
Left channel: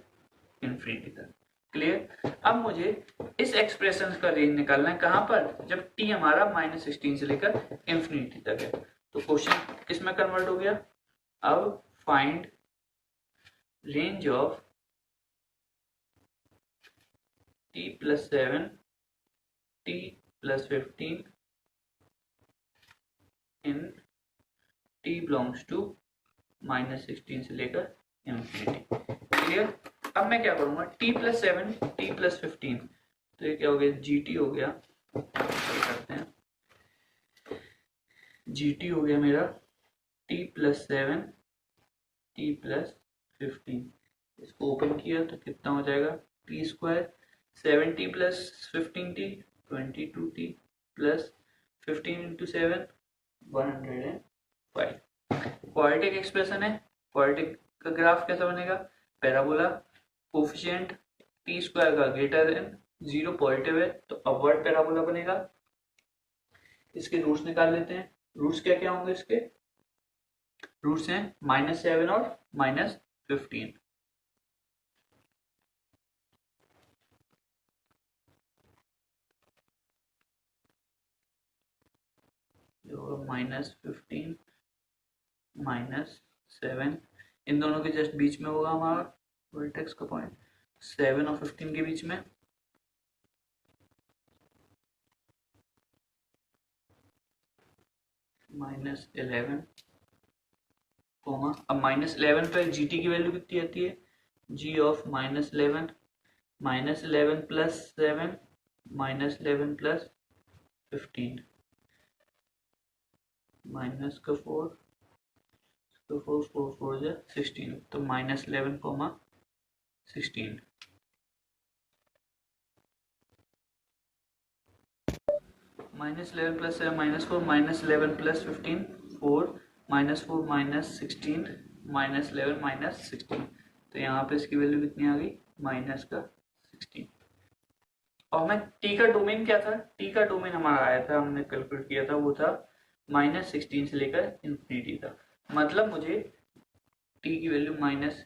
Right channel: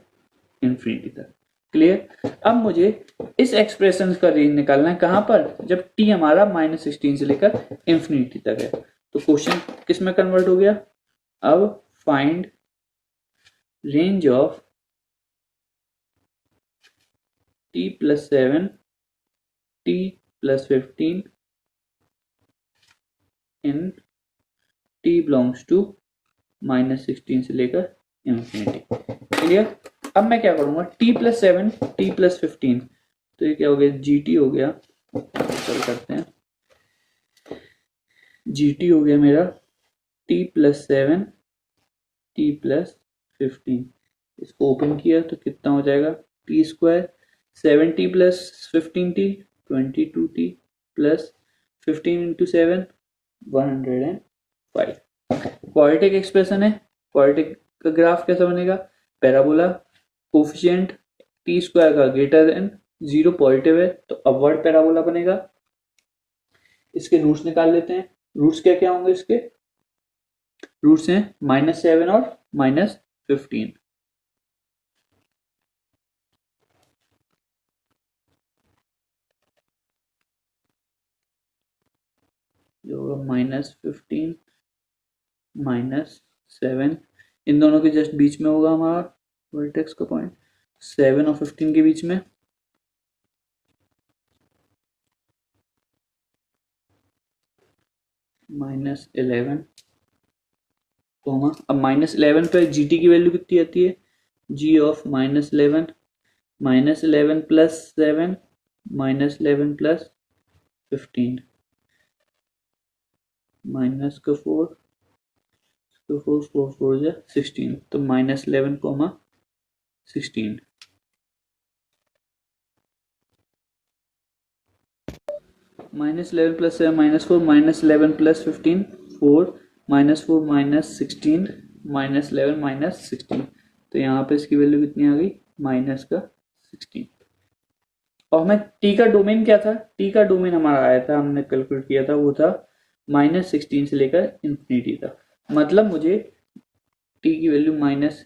इंफिनिटी तक। क्लियर। अब मुझे इस एक्सप्रेशन का रेंज निकालना है कहां पर, जब टी हमारा -16 से लेकर इंफिनिटी तक है। तो क्वेश्चन किस में कन्वर्ट हो गया, अब find range of t + 7 t + 15 in t belongs to -16 से लेकर इंफिनिटी। क्लियर। अब मैं क्या करूंगा, t + 7 t + 15, तो ये क्या हो गया, gt हो गया, चल करते हैं, gt हो गया मेरा t + 7 t + 15, इसको ओपन किया तो कितना हो जाएगा, t², 7t + 15t 22t + 15 × 7 105। Quadratic expression है, क्वाड्रेटिक का ग्राफ कैसा बनेगा, पैराबोला, कोफिशिएंट t² का ग्रेटर देन 0 पॉजिटिव है तो अपवर्ड पैराबोला बनेगा। इसके रूट्स निकाल लेते हैं, रूट्स क्या क्या होंगे इसके, रूट्स हैं -7 और -15। जो होगा -15 -7, इन दोनों के जस्ट बीच में होगा हमारा वर्टेक्स का पॉइंट, 7 और 15 के बीच में, -11 कोमा, अब -11 पे जीटी की वैल्यू कितनी आती है, जी ऑफ -11, -11 + 7 -11 + 15, माइनस का 4, तो 4 4 4 जा 16, तो -11 कोमा 16, -11 + 7 -4 -11 + 15 4 -4 -16 -11 -16, तो यहाँ पे इसकी वैल्यू कितनी आ गई, माइनस का 16। और हमें टी का डोमेन क्या था, टी का डोमेन हमारा आया था, हमने कैलकुलेट किया था, वो था -16 से लेकर इंफिनिटी तक। मतलब मुझे टी की वैल्यू माइनस,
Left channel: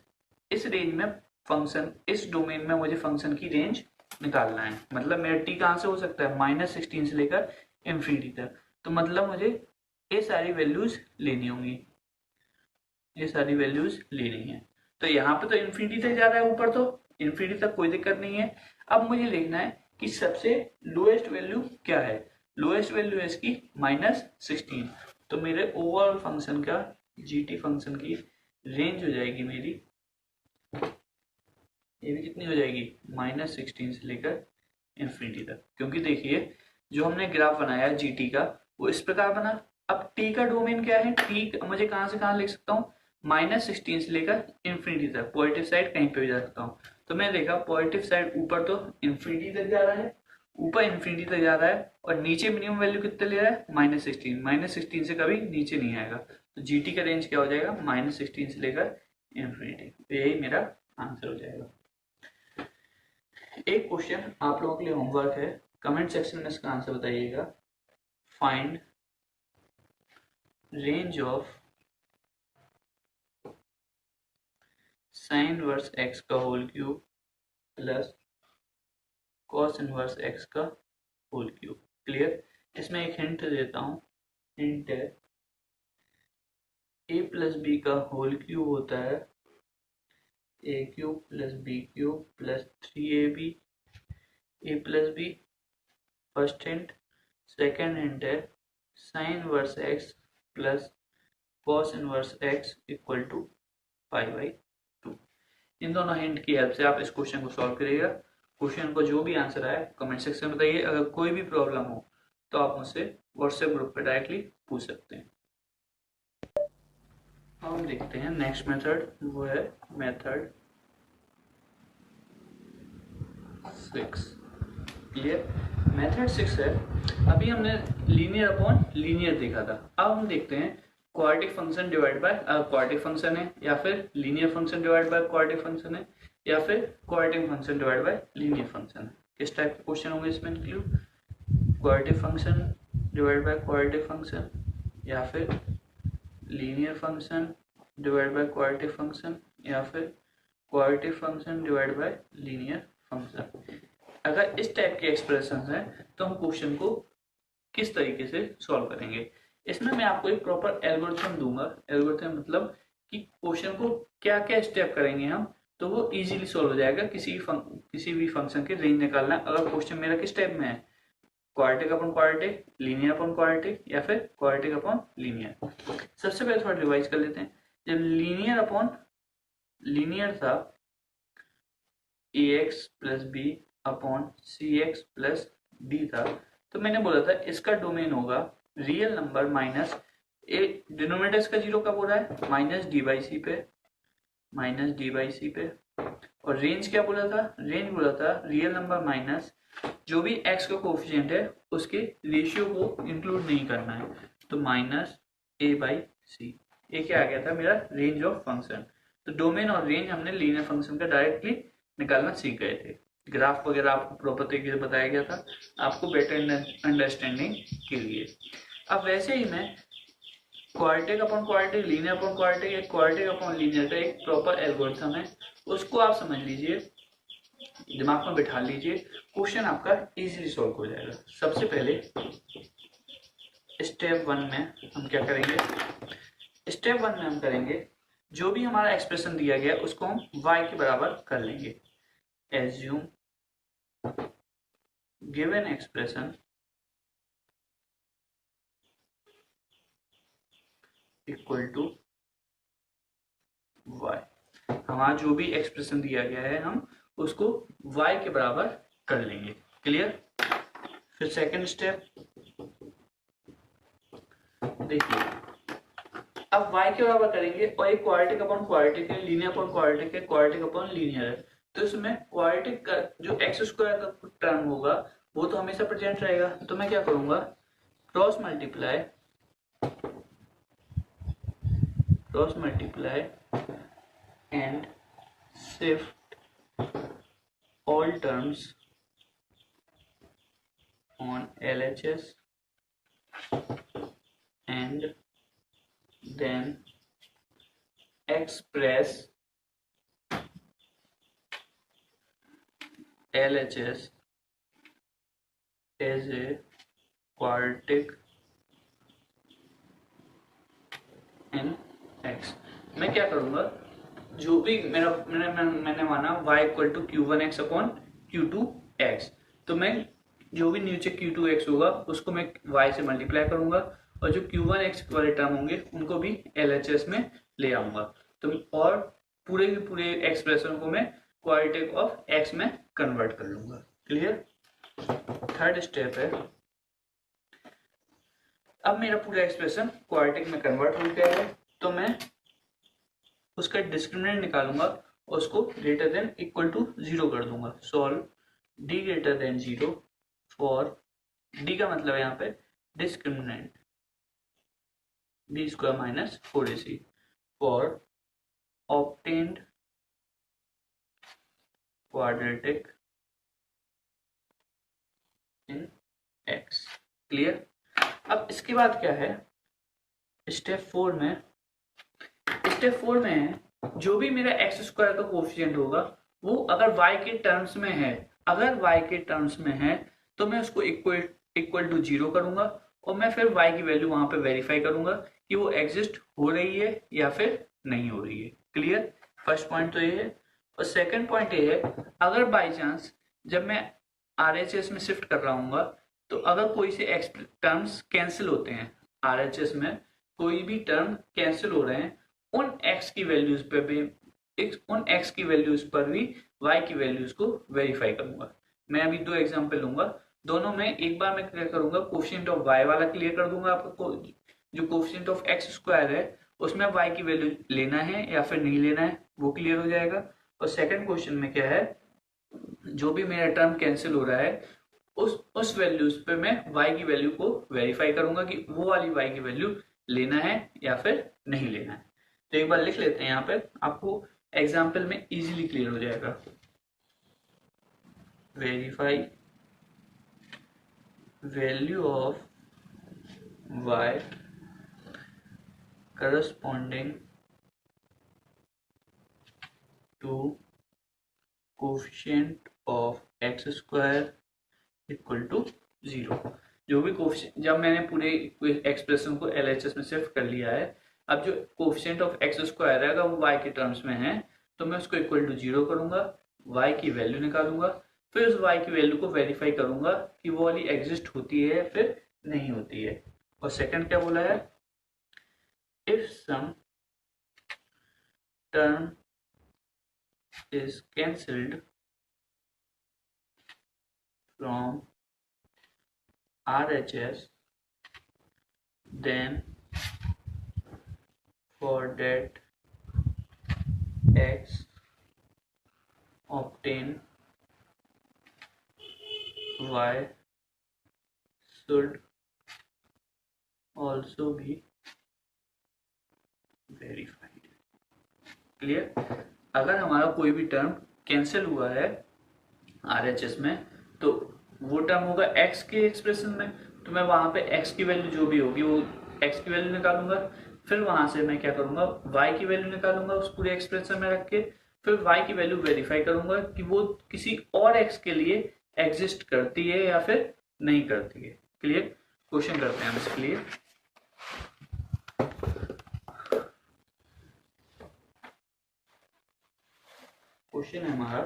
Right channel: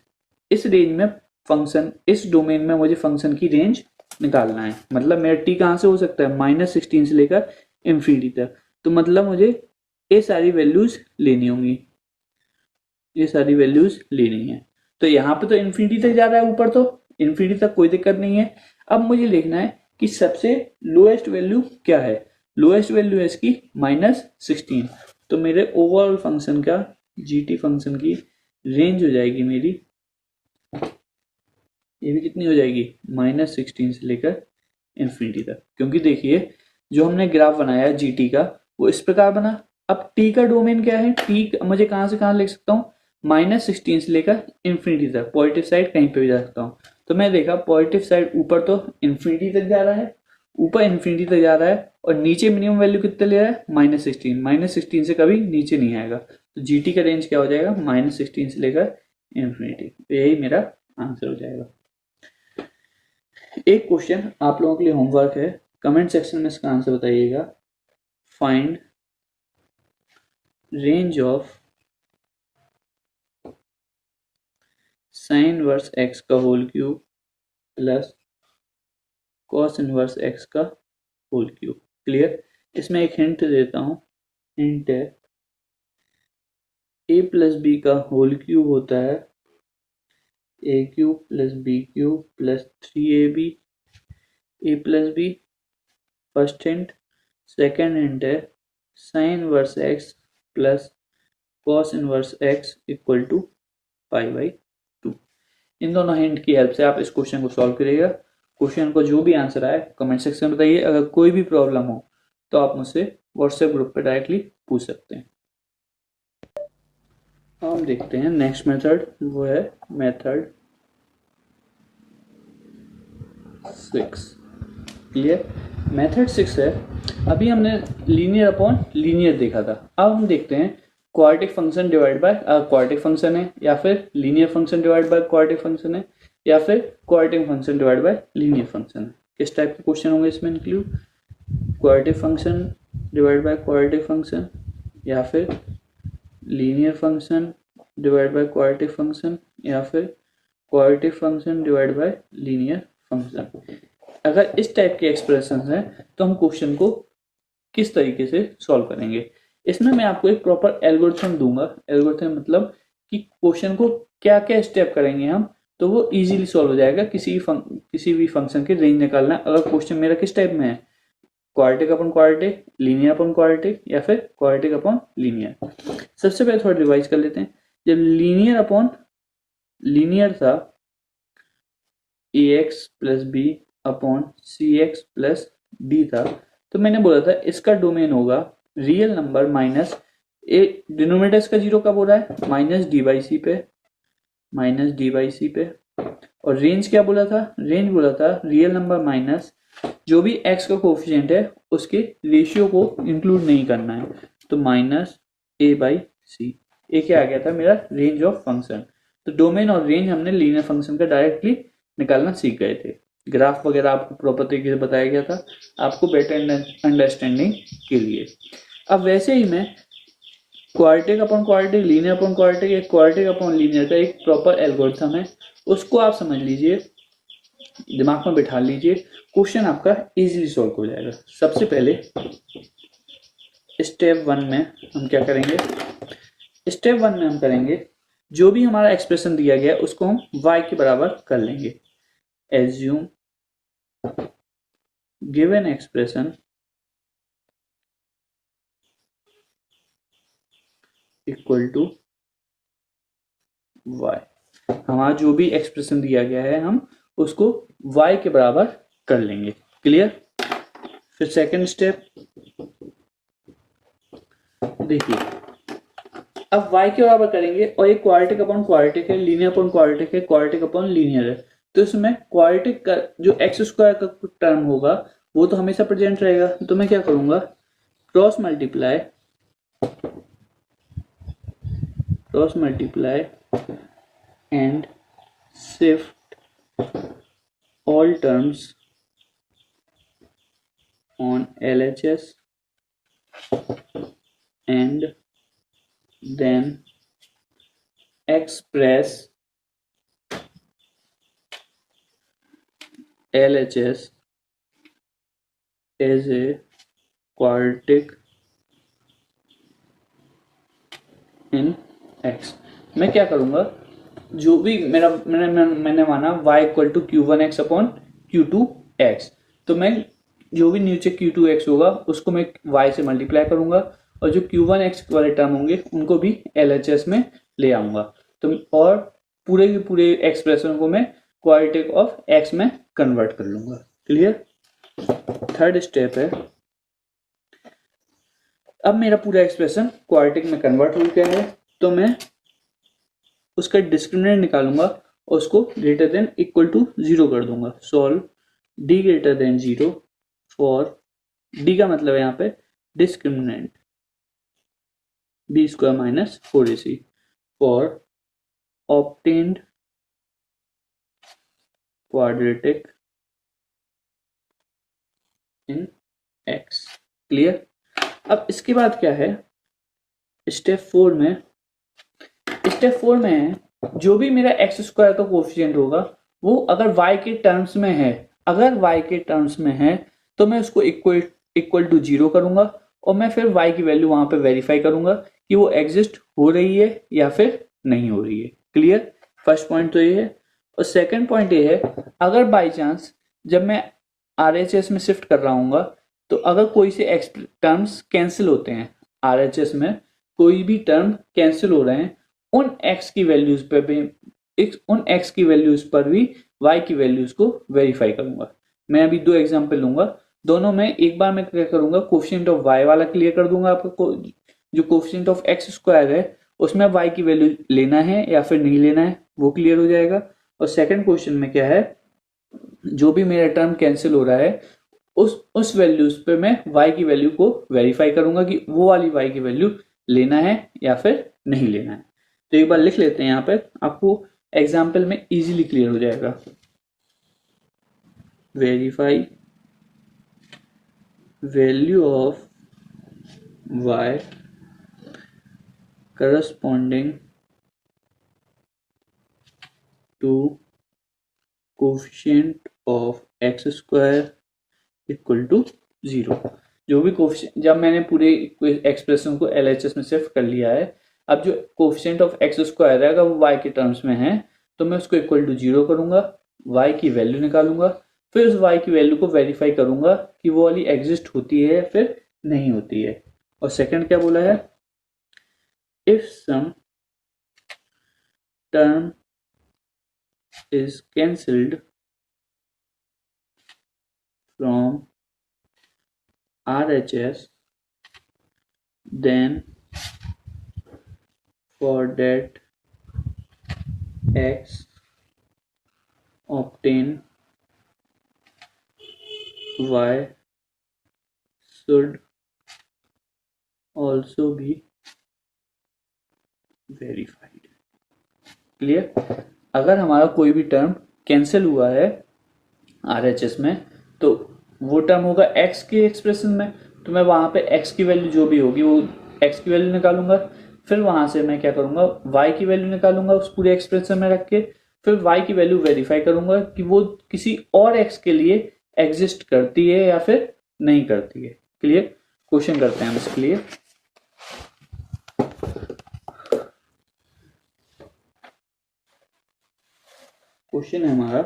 इस रेंज में फंक्शन, इस डोमेन में मुझे फंक्शन की रेंज निकालना है। मतलब मेरा टी कहां से हो सकता है, -16 से लेकर इंफिनिटी तक, तो मतलब मुझे ये सारी वैल्यूज लेनी होंगी, ये सारी वैल्यूज लेनी है। तो यहाँ पे तो इंफिनिटी तक जा रहा है ऊपर, तो इंफिनिटी तक कोई दिक्कत नहीं है। अब मुझे लिखना है कि सबसे लोएस्ट वैल्यू क्या है, लोएस्ट वैल्यू है इसकी -16, तो मेरे ओवरऑल फंक्शन का, जीटी फंक्शन की रेंज हो जाएगी मेरी, ये भी कितनी हो जाएगी, -16 से लेकर इंफिनिटी तक। क्योंकि देखिए जो हमने ग्राफ बनाया जीटी का वो इस प्रकार बना। अब टी का डोमेन क्या है, टी मुझे कहां से कहां लिख सकता हूँ, -16 से लेकर इंफिनिटी तक, पॉजिटिव साइड कहीं पे भी जा सकता हूँ। तो मैं देखा पॉजिटिव साइड ऊपर तो इंफिनिटी तक जा रहा है, ऊपर इंफिनिटी तक जा रहा है, और नीचे मिनिमम वैल्यू कितने ले रहा है, -16, -16 से कभी नीचे नहीं आएगा। तो जीटी का रेंज क्या हो जाएगा, -16 से लेकर इंफिनिटी। तो यही मेरा आंसर हो जाएगा। एक क्वेश्चन आप लोगों के लिए होमवर्क है, कमेंट सेक्शन में इसका आंसर बताइएगा। Find range of sin inverse x का whole cube plus cos inverse x का होल क्यूब। क्लियर। इसमें एक हिंट देता हूं, हिंट है a + b का होल क्यूब होता है a³ + b³ + 3ab a + b, first hint. Second hint है sin inverse x plus cos inverse x equal to π/2। इन दोनों हिंट की हेल्प से आप इस क्वेश्चन को सॉल्व करिएगा। क्वेश्चन को जो भी आंसर आए कमेंट सेक्शन में बताइए। अगर कोई भी प्रॉब्लम हो तो आप मुझसे व्हाट्सएप ग्रुप पे डायरेक्टली पूछ सकते हैं। हम देखते हैं नेक्स्ट मेथड, वो है मेथड 6। ये मेथड 6 है। अभी हमने लीनियर अपॉन लीनियर देखा था। अब हम देखते हैं quadratic function divide by quadratic function है, या फिर linear function divide by quadratic function है, या फिर quadratic function divide by linear function है। किस टाइप के क्वेश्चन होंगे इसमें include? Quadratic function divide by quadratic function, या फिर linear function divide by quadratic function, या फिर quadratic function divide by linear function. अगर इस टाइप के एक्सप्रेशन हैं तो हम क्वेश्चन को किस तरीके से सॉल्व करेंगे? इसमें मैं आपको एक प्रॉपर एल्गोरिथम दूंगा। एल्गोरिथम मतलब कि क्वेश्चन को क्या क्या स्टेप करेंगे हम, तो वो इजीली सॉल्व हो जाएगा। किसी भी फंक्शन की रेंज निकालना, अगर क्वेश्चन मेरा किस टाइप में है, quadratic upon quadratic, linear upon quadratic, या फिर क्वाड्रेटिक अपॉन लीनियर। सबसे पहले थोड़ा रिवाइज कर लेते हैं। जब लीनियर अपॉन लीनियर था, ax प्लस बी अपॉन सी एक्स प्लस डी था, तो मैंने बोला था इसका डोमेन होगा रियल नंबर माइनस ए, डिनोमिनेटर इसका जीरो कब हो रहा है? माइनस डी बाई सी पे, माइनस डी बाई सी पे। और रेंज क्या बोला था? रेंज बोला था रियल नंबर माइनस जो भी x का कोफिशिएंट है उसके रेशियो को इंक्लूड नहीं करना है, तो माइनस ए बाई सी। ए क्या आ गया था? मेरा रेंज ऑफ फंक्शन। तो डोमेन और रेंज हमने लीनियर फंक्शन का डायरेक्टली निकालना सीख गए थे। ग्राफ वगैरह आपको प्रॉपर तरीके से बताया गया था आपको बेटर अंडरस्टैंडिंग के लिए। अब वैसे ही मैं quadratic upon quadratic, linear upon quadratic, एक क्वाड्रेटिक अपॉन लीनियर का एक प्रॉपर एल्गोरिथम है, उसको आप समझ लीजिए, दिमाग में बिठा लीजिए, क्वेश्चन आपका इजीली सॉल्व हो जाएगा। सबसे पहले स्टेप 1 में हम क्या करेंगे? स्टेप 1 में हम करेंगे जो भी हमारा एक्सप्रेशन दिया गया उसको हम y के बराबर कर लेंगे। Assume given expression equal to y। हमारा जो भी एक्सप्रेशन दिया गया है हम उसको y के बराबर कर लेंगे। क्लियर? फिर सेकंड स्टेप देखिए, अब y के बराबर करेंगे और ये क्वाड्रेटिक अपॉन क्वाड्रेटिक है, लीनियर अपॉन क्वाड्रेटिक है, क्वाड्रेटिक अपॉन लीनियर है, तो इसमें क्वाड्रेटिक का जो एक्स स्क्वायर का टर्म होगा वो तो हमेशा प्रेजेंट रहेगा। तो मैं क्या करूंगा? Cross multiply and shift all terms on LHS and then express LHS as a quadratic in x। मैं क्या करूंगा? जो भी मैंने माना y equal to q1x upon q2x, तो मैं जो भी नीचे q2x होगा उसको मैं y से मल्टीप्लाई करूंगा और जो q1x वाले टर्म होंगे उनको भी LHS में ले आऊंगा। तो और पूरे के पूरे एक्सप्रेशन को मैं क्वाड्रेटिक ऑफ x में कन्वर्ट कर लूंगा। क्लियर? थर्ड स्टेप है, अब मेरा पूरा एक्सप्रेशन क्वाड्रेटिक में कन्वर्ट हो गया है, तो मैं उसका डिस्क्रिमिनेंट निकालूंगा और उसको ग्रेटर देन इक्वल टू 0 कर दूंगा। Solve d greater than 0 for d का मतलब है यहाँ पे discriminant b square minus 4ac for obtained quadratic in x। Clear? अब इसके बाद क्या है? स्टेप 4 में है जो भी मेरा एक्स स्क्वायर का कोफिशिएंट होगा वो अगर y के टर्म्स में है, तो मैं उसको इक्वल टू 0 करूंगा और मैं फिर y की वैल्यू वहां पे वेरीफाई करूंगा कि वो एग्जिस्ट हो रही है या फिर नहीं हो रही है। क्लियर? फर्स्ट पॉइंट तो ये है। और सेकंड पॉइंट ये है, अगर बाई चांस जब मैं RHS में शिफ्ट कर रहा हूँ तो अगर कोई से टर्म्स कैंसिल होते हैं, RHS में कोई भी टर्म कैंसिल हो रहे हैं, उन x की वैल्यूज पर भी y की वैल्यूज को वेरीफाई करूंगा। मैं अभी 2 एग्जांपल लूंगा दोनों में एक बार मैं क्या करूंगा, कोफिशिएंट ऑफ वाई वाला क्लियर कर दूंगा आपको। जो कोफिशिएंट ऑफ एक्स स्क्वायर है उसमें वाई की वैल्यू लेना है या फिर नहीं लेना है वो क्लियर हो जाएगा। और सेकंड क्वेश्चन में क्या है, जो भी मेरा टर्म कैंसिल हो रहा है उस वैल्यूज पे मैं y की वैल्यू को वेरीफाई करूंगा कि वो वाली y की वैल्यू लेना है या फिर नहीं लेना है। तो एक बार लिख लेते हैं यहाँ पे, आपको एग्जाम्पल में इजीली क्लियर हो जाएगा। Verify value of y corresponding to coefficient of x square equal to 0। जो भी कोफिशिएंट, जब मैंने पूरे एक्सप्रेशन को एलएचएस में शिफ्ट कर लिया है, अब जो कोफिशिएंट ऑफ एक्स स्क्वायर है अगर वो y के टर्म्स में है तो मैं उसको इक्वल टू 0 करूंगा, y की वैल्यू निकालूंगा, फिर उस y की वैल्यू को वेरीफाई करूंगा कि वो वाली एग्जिस्ट होती है या फिर नहीं होती है। और सेकंड क्या बोला है, if some term is cancelled from RHS then for that x obtain y should also be verified। Clear. अगर हमारा कोई भी टर्म कैंसिल हुआ है RHS में तो वो टर्म होगा x के एक्सप्रेशन में, तो मैं वहां पे x की वैल्यू जो भी होगी वो x की वैल्यू निकालूंगा, फिर वहां से मैं क्या करूंगा y की वैल्यू निकालूंगा उस पूरे एक्सप्रेशन में रख के, फिर y की वैल्यू वेरीफाई करूंगा कि वो किसी और x के लिए एग्जिस्ट करती है या फिर नहीं करती है। क्लियर। क्वेश्चन करते हैं हम इसके लिए। क्वेश्चन है हमारा,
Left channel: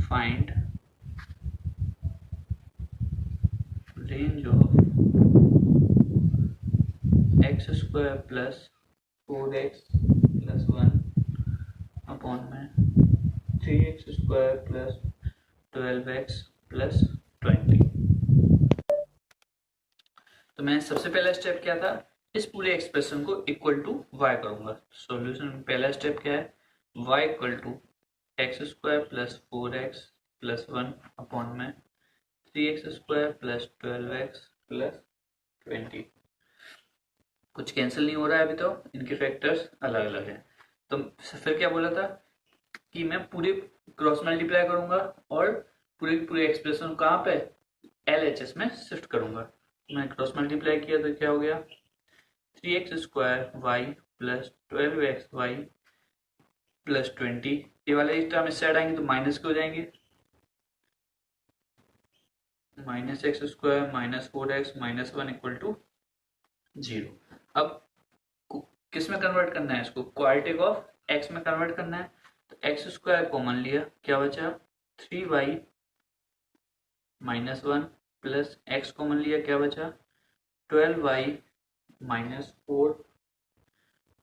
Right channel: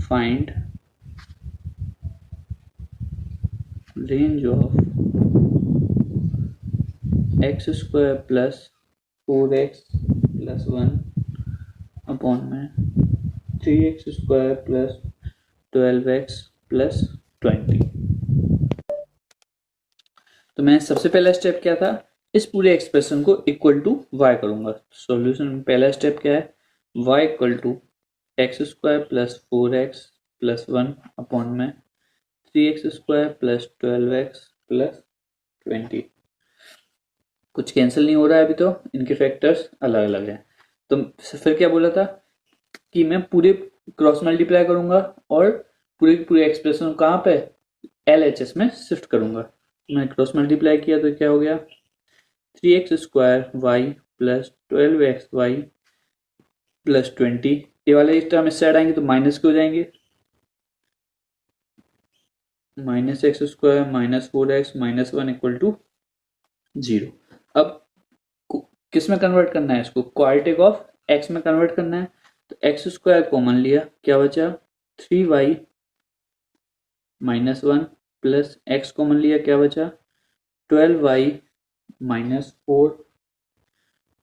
find range of x square plus 4x plus 1 upon में 3x square plus 12x plus 20। तो मैं सबसे पहला स्टेप क्या था, इस पूरे एक्सप्रेशन को इक्वल टू y करूंगा। सॉल्यूशन में पहला स्टेप क्या है, y equal to x square plus 4x plus 1 upon में 3x square plus 12x plus 20। कुछ कैंसिल नहीं हो रहा है अभी, तो इनके फैक्टर्स अलग अलग हैं। तो फिर क्या बोला था कि मैं पूरे क्रॉस मल्टीप्लाई करूंगा और पूरे एक्सप्रेशन कहाँ पे LHS में शिफ्ट करूंगा। मैं क्रॉस मल्टीप्लाई किया तो क्या हो गया, 3x square Y plus 12xy plus 20। ये वाले इस टर्म इससे आएंगे तो माइनस के हो जाएंगे, minus x square minus 4x minus 1 equal to 0। अब किस में कन्वर्ट करना है इसको, क्वाड्रेटिक ऑफ x में कन्वर्ट करना है। तो एक्स स्क्वायर कॉमन लिया, क्या बचा 3y minus 1 plus x common लिया, क्या बचा 12y minus 4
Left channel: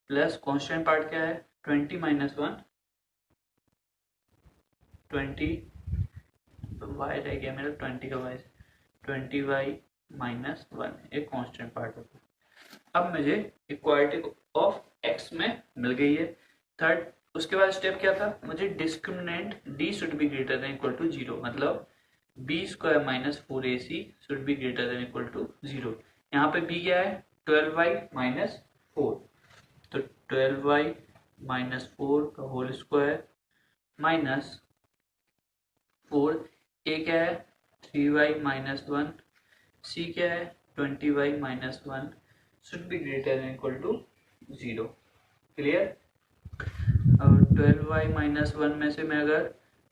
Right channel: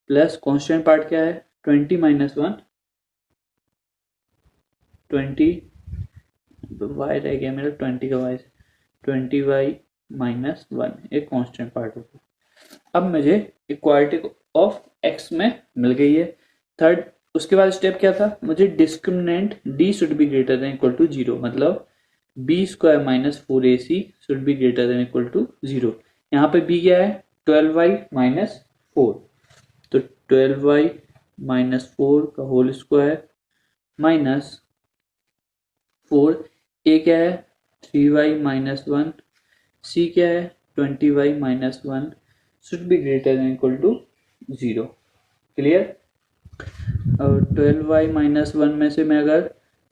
plus constant part क्या है 20 माइनस 1 20 y रह गया मेरा 20 का y 20y माइनस 1 एक कॉन्स्टेंट पार्ट होगा। अब मुझे इक्वालिटी ऑफ x में मिल गई है। थर्ड उसके बाद स्टेप क्या था, मुझे discriminant d should be greater than equal to 0, मतलब b square minus 4ac should be greater than equal to 0। यहाँ पे b क्या है 12y माइनस 4, तो 12y माइनस 4 का होल स्क्वायर माइनस 4, a क्या है 3y माइनस 1, c क्या है 20y minus 1 should be greater than equal to 0। Clear. और 12y माइनस 1 में से मैं अगर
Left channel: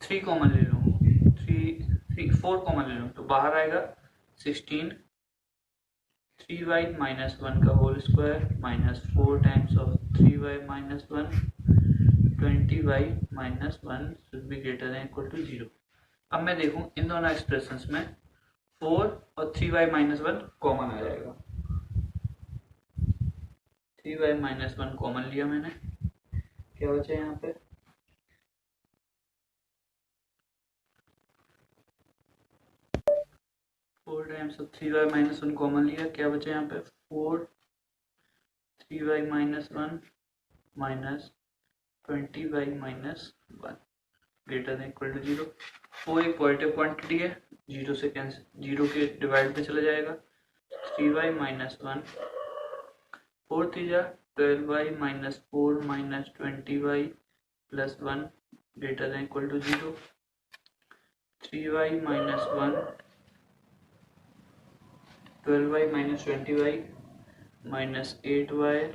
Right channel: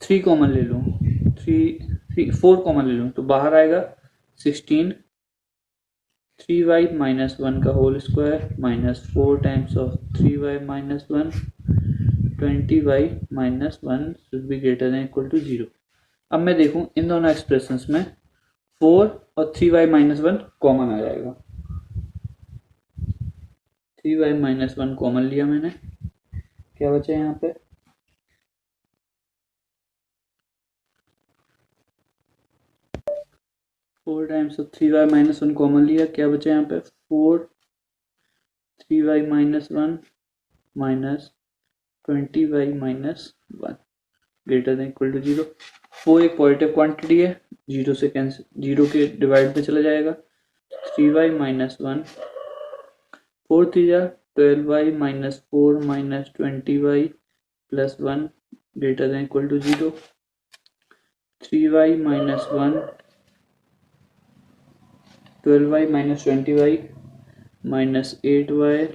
3 कॉमन ले लूँ, 4 कॉमन ले लूँ तो बाहर आएगा 16, 3y माइनस 1 का whole square minus 4 times of 3y minus 1, 20y minus 1 should be greater than equal to 0। अब मैं देखूं इन दोनों एक्सप्रेशंस में 4 और 3y माइनस 1 कॉमन आ जाएगा, 3y माइनस 1 कॉमन लिया मैंने, क्या बचा यहाँ पे 4 times of 3y minus 1 common लिया, क्या बचा यहाँ पे 4 3y minus 1 minus 20y minus 1 greater than equal to 0। 4 एक पॉजिटिव क्वांटिटी है, 0 से कैंसिल, 0 के डिवाइड पे चला जाएगा। 3y minus 1 4 3 12y minus 4 minus 20y plus 1 greater than equal to 0। 3y minus 1 12y minus 20y minus 8y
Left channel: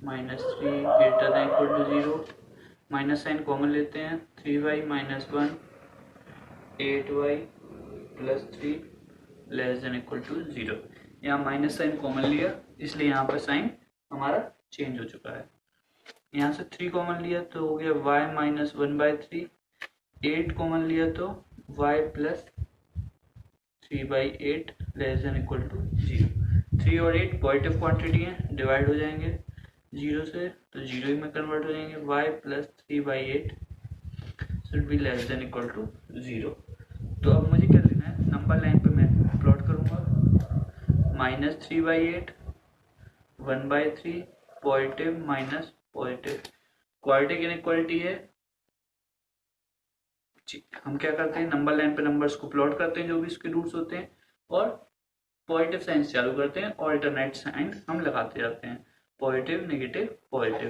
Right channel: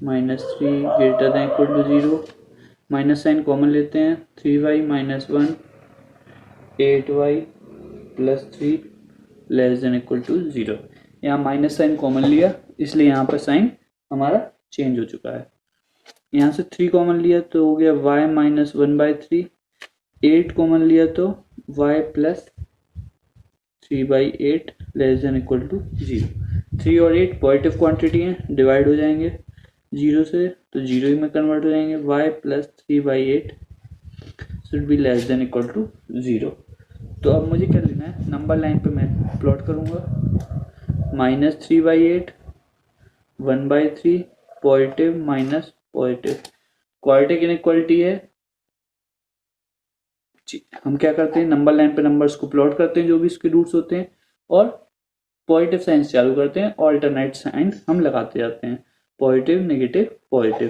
minus 3 greater than equal to 0। Minus sign common लेते हैं, 3y minus 1 8y plus 3 less than equal to 0। यहाँ minus sign common लिया इसलिए यहाँ पर sign हमारा change हो चुका है। यहाँ से 3 कॉमन लिया तो हो गया y माइनस 1/3। 8 कॉमन लिया तो y plus 3/8 less than equal to 0। 3 और 8 पॉजिटिव क्वांटिटी हैं, डिवाइड हो जाएंगे 0 से तो 0 में कन्वर्ट हो जाएंगे। y plus 3/8 should be less than equal to 0। तो अब मुझे क्या लिखना है, नंबर लाइन पे मैं प्लॉट करूंगा minus 3/8 1/3 positive minus positive, quadratic inequality है। हम क्या करते हैं, नंबर लाइन पे नंबर्स को प्लॉट करते हैं जो भी इसके रूट्स होते हैं और पॉजिटिव साइन चालू करते हैं, ऑल्टरनेट साइन हम लगाते जाते हैं, पॉजिटिव नेगेटिव पॉजिटिव।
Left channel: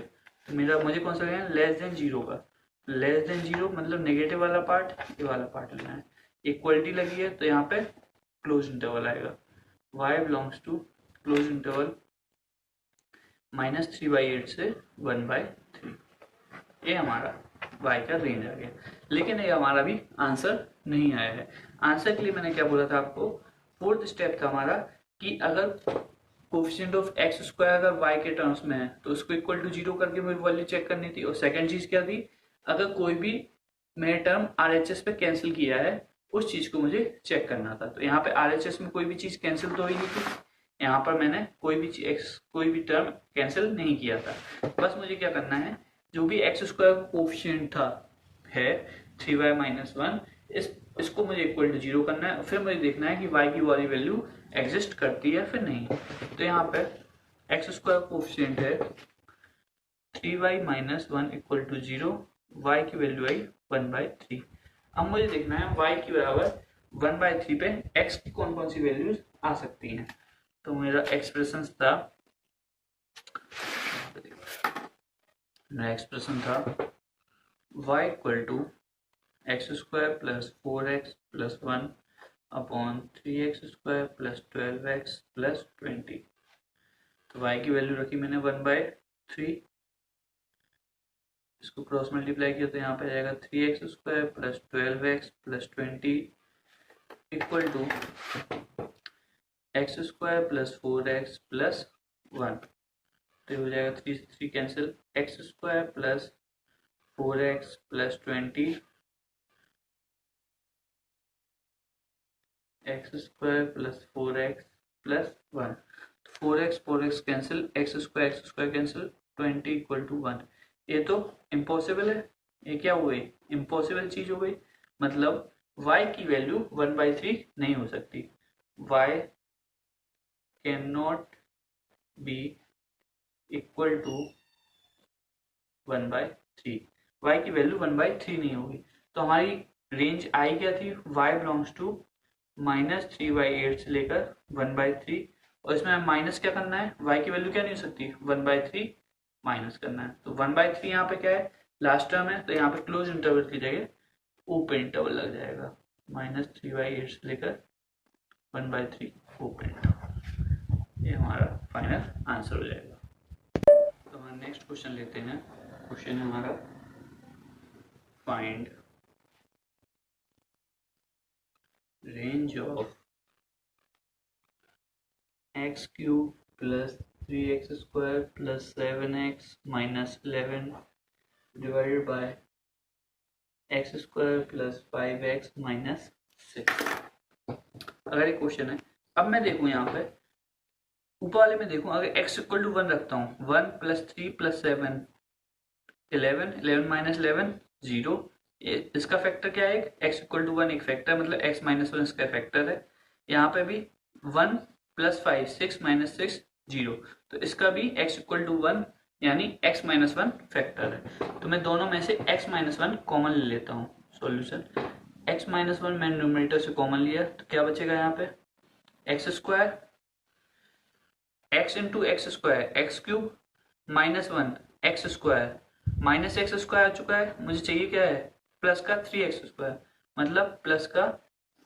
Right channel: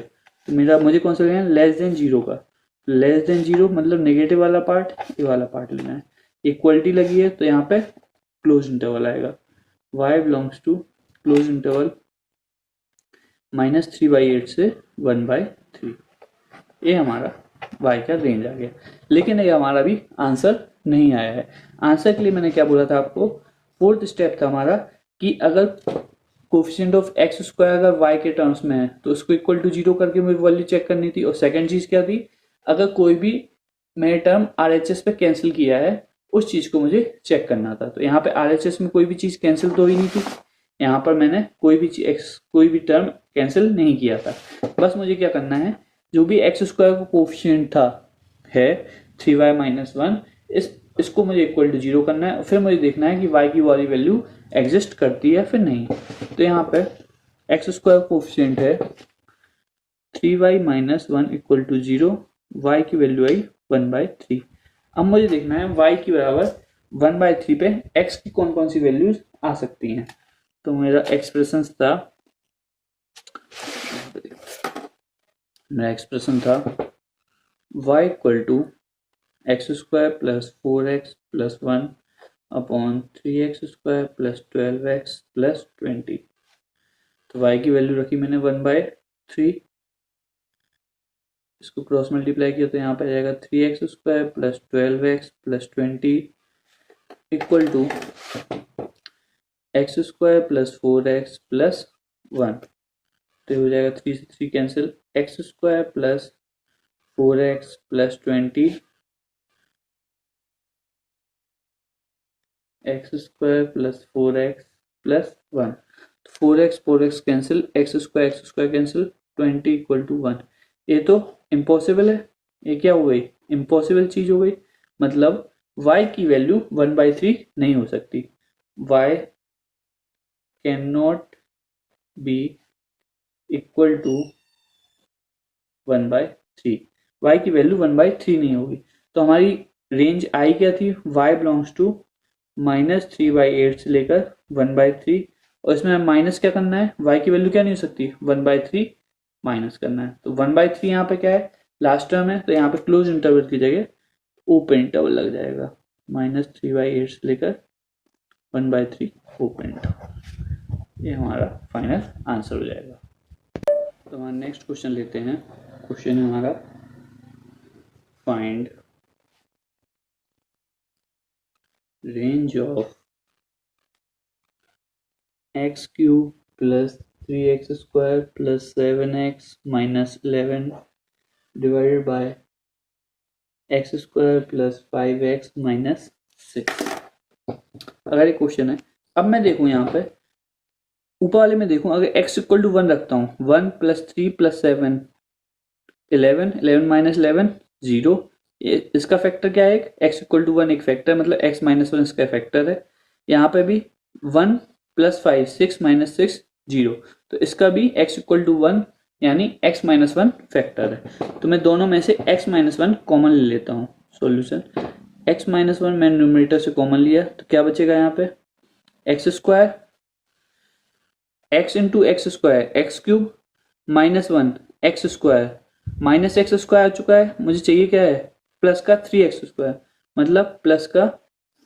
तो मुझे कौन सा लेना है, लेस देन 0 का। लेस देन 0 मतलब नेगेटिव वाला पार्ट, ये वाला पार्ट लेना है। इक्वलिटी लगी है तो यहाँ पे क्लोज इंटरवल आएगा, y belongs to close interval minus 3/8 से 1/3। ये हमारा y का रेंज आ गया। लेकिन ये हमारा भी आंसर नहीं आया है। आंसर के लिए मैंने क्या बोला था आपको, फोर्थ स्टेप था हमारा कि अगर कोफिशिएंट ऑफ एक्स स्क्वायर अगर y के टर्म्स में है तो उसको इक्वल टू 0 करके मुझे वैल्यू चेक करनी थी। और सेकंड चीज क्या थी, अगर कोई भी मैंने टर्म RHS पे कैंसिल किया है उस चीज को मुझे चेक करना था। तो यहाँ पे RHS में कोई भी चीज कैंसिल तो ही नहीं थी, यहाँ पर मैंने कोई भी टर्म कैंसिल नहीं किया था। बस मुझे क्या करना है, जो भी एक्स स्क्वायर का कोफिशिएंट था है 3y माइनस 1, इसको मुझे इक्वल टू 0 करना है। फिर मुझे देखना है कि y की वाली वैल्यू एग्जिस्ट करती है फिर नहीं। तो यहाँ पे एक्स स्क्वायर कोफिशिएंट है 3y minus 1 equal to 0, y की वैल्यू आई 1/3। अब मुझे देखना है y की बराबर 1/3 पे x की कौन कौन सी वैल्यूज आ सकती हैं। तो मेरा एक्सप्रेशन था y equal to x square plus 4x plus 1 upon 3x square plus 12x plus 20। तो y की वैल्यू रखी मैंने 1/3, इसको क्रॉस मल्टीप्लाई किया तो यहाँ पे आ जाएगा 3x square plus 12x plus 20 equal to x square plus 4x plus 1। तो हो जाएगा 3 से 3 cancel, x square plus 4x plus 20 x square plus 4x plus 1। 4x cancel, x square cancel, 20 equal to 1। ये तो इम्पॉसिबल है, ये क्या हो गई, इम्पॉसिबल चीज हो गई। मतलब y की वैल्यू 1/3 नहीं हो सकती, y can not be equal to 1/3, y की वैल्यू 1/3 नहीं होगी। तो हमारी रेंज आई क्या थी, y बिलोंग्स टू माइनस 3/8 से लेकर 1/3। और इसमें माइनस क्या करना है, y की वैल्यू क्या नहीं हो सकती, 1/3 माइनस करना है। तो 1/3 यहाँ पे क्या है, लास्ट टर्म है, तो यहाँ पे क्लोज इंटरवल की जगह ओपन इंटरवल लग जाएगा, माइनस 3/8 से लेकर 1/3 ओपन इंटरवल। ये हमारा फाइनल आंसर हो जाएगा। तो हमारा नेक्स्ट क्वेश्चन लेते हैं। क्वेश्चन है हमारा find range of x cube plus 3x square plus 7x minus 11 divided by x square plus 5x minus 6। अगर ये क्वेश्चन है, अब मैं देखूं यहाँ पे ऊपर वाले में देखूं, अगर x इक्वल टू 1 रखता हूँ, 1 प्लस 3 प्लस 7 11 11 माइनस 11 0, ये इसका फैक्टर क्या है, x इक्वल टू 1 एक फैक्टर है, मतलब x माइनस 1 इसका फैक्टर है। यहाँ पे भी 1 प्लस 5 6 माइनस 6 0, तो इसका भी x इक्वल टू 1 यानी x माइनस 1 फैक्टर है। तो मैं दोनों में से x माइनस 1 कॉमन ले लेता हूँ। सॉल्यूशन x माइनस 1 मैंने न्यूमरेटर से कॉमन लिया, तो क्या बचेगा यहाँ पे X square, X into X square X cube minus 1 X square, minus x square आ चुका है, मुझे चाहिए क्या है प्लस का 3x स्क्वायर, मतलब प्लस का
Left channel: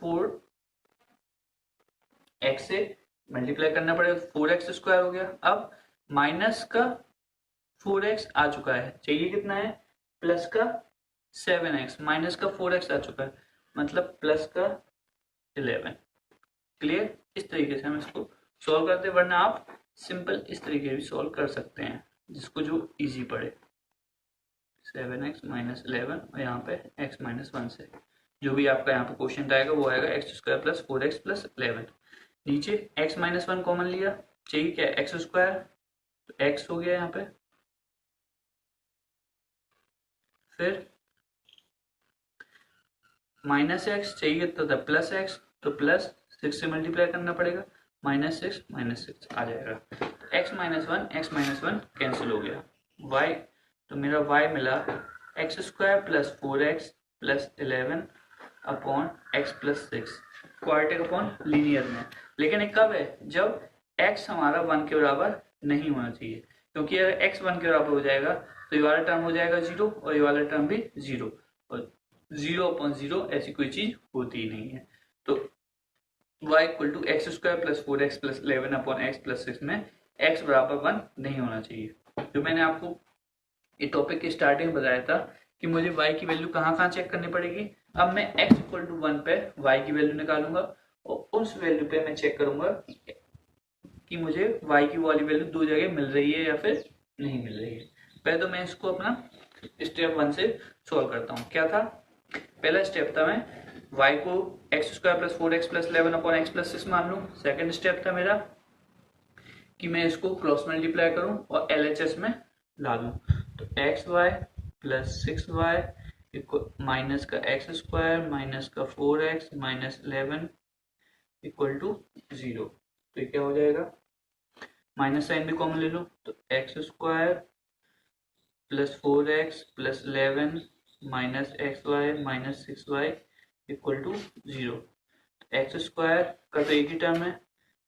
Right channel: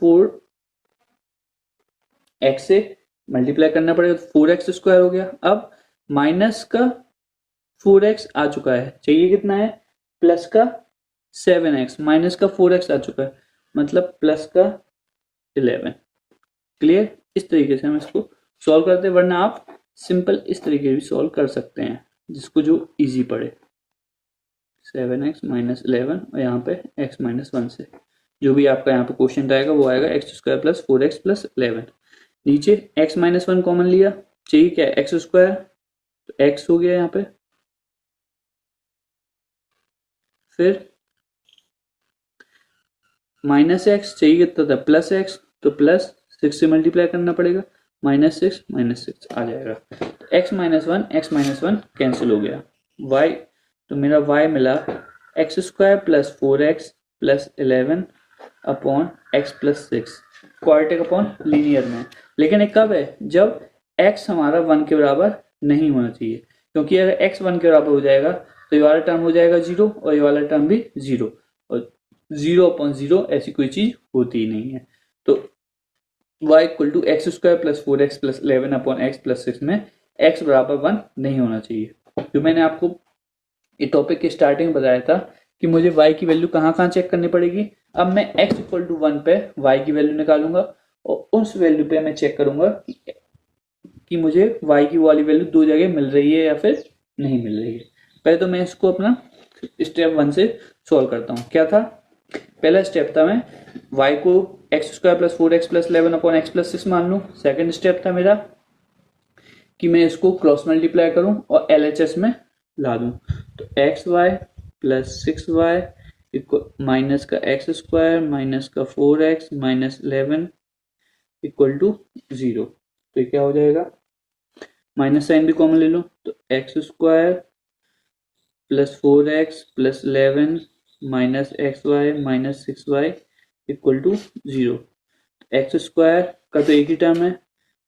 4x से मल्टीप्लाई करना पड़ेगा, 4x स्क्वायर हो गया। अब माइनस का 4x आ चुका है, चाहिए कितना है प्लस का 7x, माइनस का 4x आ चुका है, मतलब प्लस का 11। क्लियर, इस तरीके से हम इसको सॉल्व करते हैं, वरना आप सिंपल इस तरीके भी सॉल्व कर सकते हैं, जिसको जो इजी पड़े। 7x माइनस 11 और यहाँ पे x माइनस 1 से जो भी आपका यहाँ पे क्वेश्चन आएगा वो आएगा x square plus 4x plus 11। नीचे x माइनस 1 कॉमन लिया, चाहिए क्या एक्स स्क्वायर, तो x हो गया यहाँ पे, फिर माइनस एक्स चाहिए कितना था प्लस एक्स, तो प्लस 6 से मल्टीप्लाई करना पड़ेगा, माइनस 6 आ जाएगा। x माइनस 1 कैंसिल हो गया, y तो मेरा y मिला x square plus 4x plus 11 upon x plus 6, quadratic upon linear में। लेकिन ये कब है, जब x हमारा 1 के बराबर नहीं होना चाहिए, क्योंकि अगर x 1 के बराबर हो जाएगा तो ये वाला टर्म हो जाएगा 0 और ये वाला टर्म भी 0, और 0 अपॉन 0 ऐसी कोई चीज होती ही नहीं है। तो y equal to x square plus 4x plus 11 upon x plus 6 में x बराबर 1 नहीं होना चाहिए। जो मैंने आपको ये टॉपिक के स्टार्टिंग में बताया था कि मुझे y की वैल्यू कहाँ कहाँ चेक करनी पड़ेगी। अब मैं x इक्वल टू 1 पे y की वैल्यू निकालूंगा और उस वैल्यू पे मैं चेक करूंगा कि मुझे y की वाली वैल्यू दो जगह मिल रही है या फिर नहीं मिल रही है। पहले तो मैं इसको अपना स्टेप 1 से सॉल्व करता हूँ। क्या था, पहला स्टेप था मैं y को x square plus 4x plus 11 upon x plus 6 मान लूँ। सेकेंड स्टेप था मेरा कि मैं इसको क्रॉस मल्टीप्लाई करूं और LHS में ला दूं, तो x y plus 6y minus का एक्स स्क्वायर माइनस का 4x माइनस 11 इक्वल टू 0। तो ये क्या हो जाएगा, माइनस साइन भी कॉमन ले लो, तो x square plus 4x plus 11 minus x y minus 6y equal to 0। X square का तो एक ही टर्म है,